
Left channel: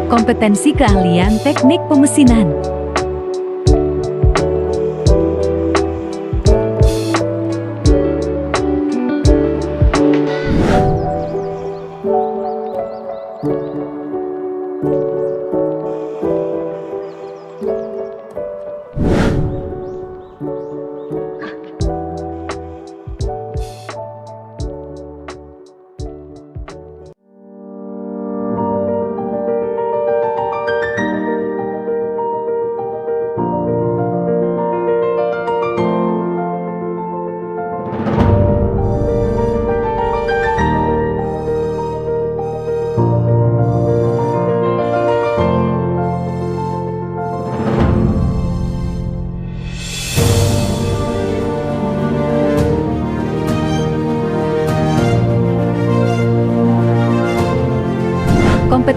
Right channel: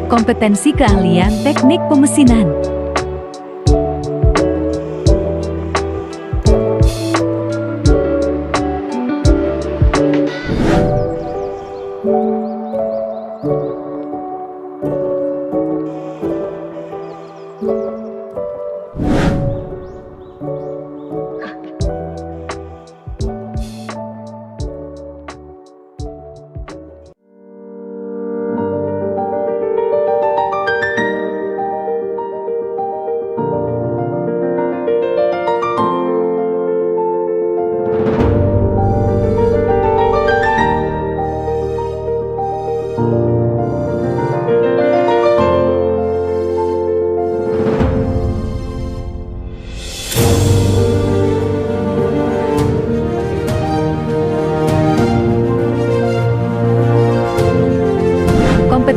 Kompetensi keahlian teknik pemesinan.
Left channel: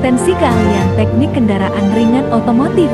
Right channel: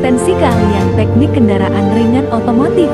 Kompetensi keahlian teknik kendaraan ringan otomotif.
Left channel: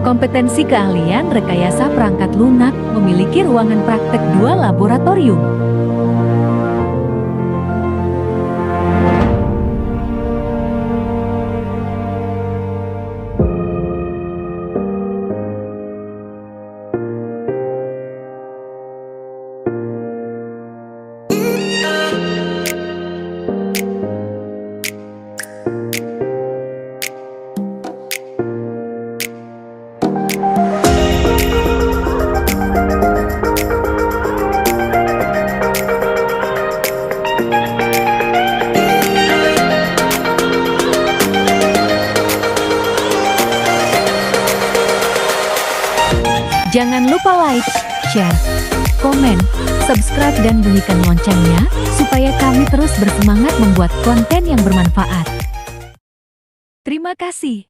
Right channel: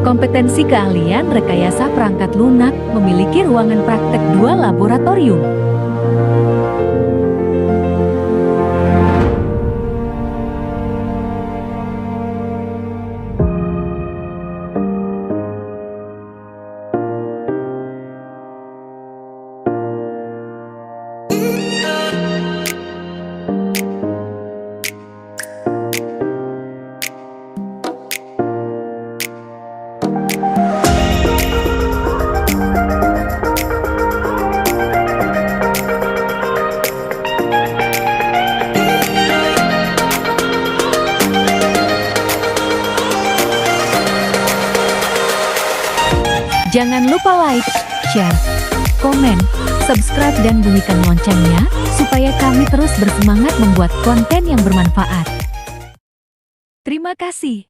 Kompetensi keahlian rekayasa perangkat lunak memiliki ruangan praktek 2 laboratorium. Jangan lupa like, share, komen, subscribe dan bunyikan loncengnya supaya kami terus bersemangat membuat konten yang bermanfaat. Terima kasih.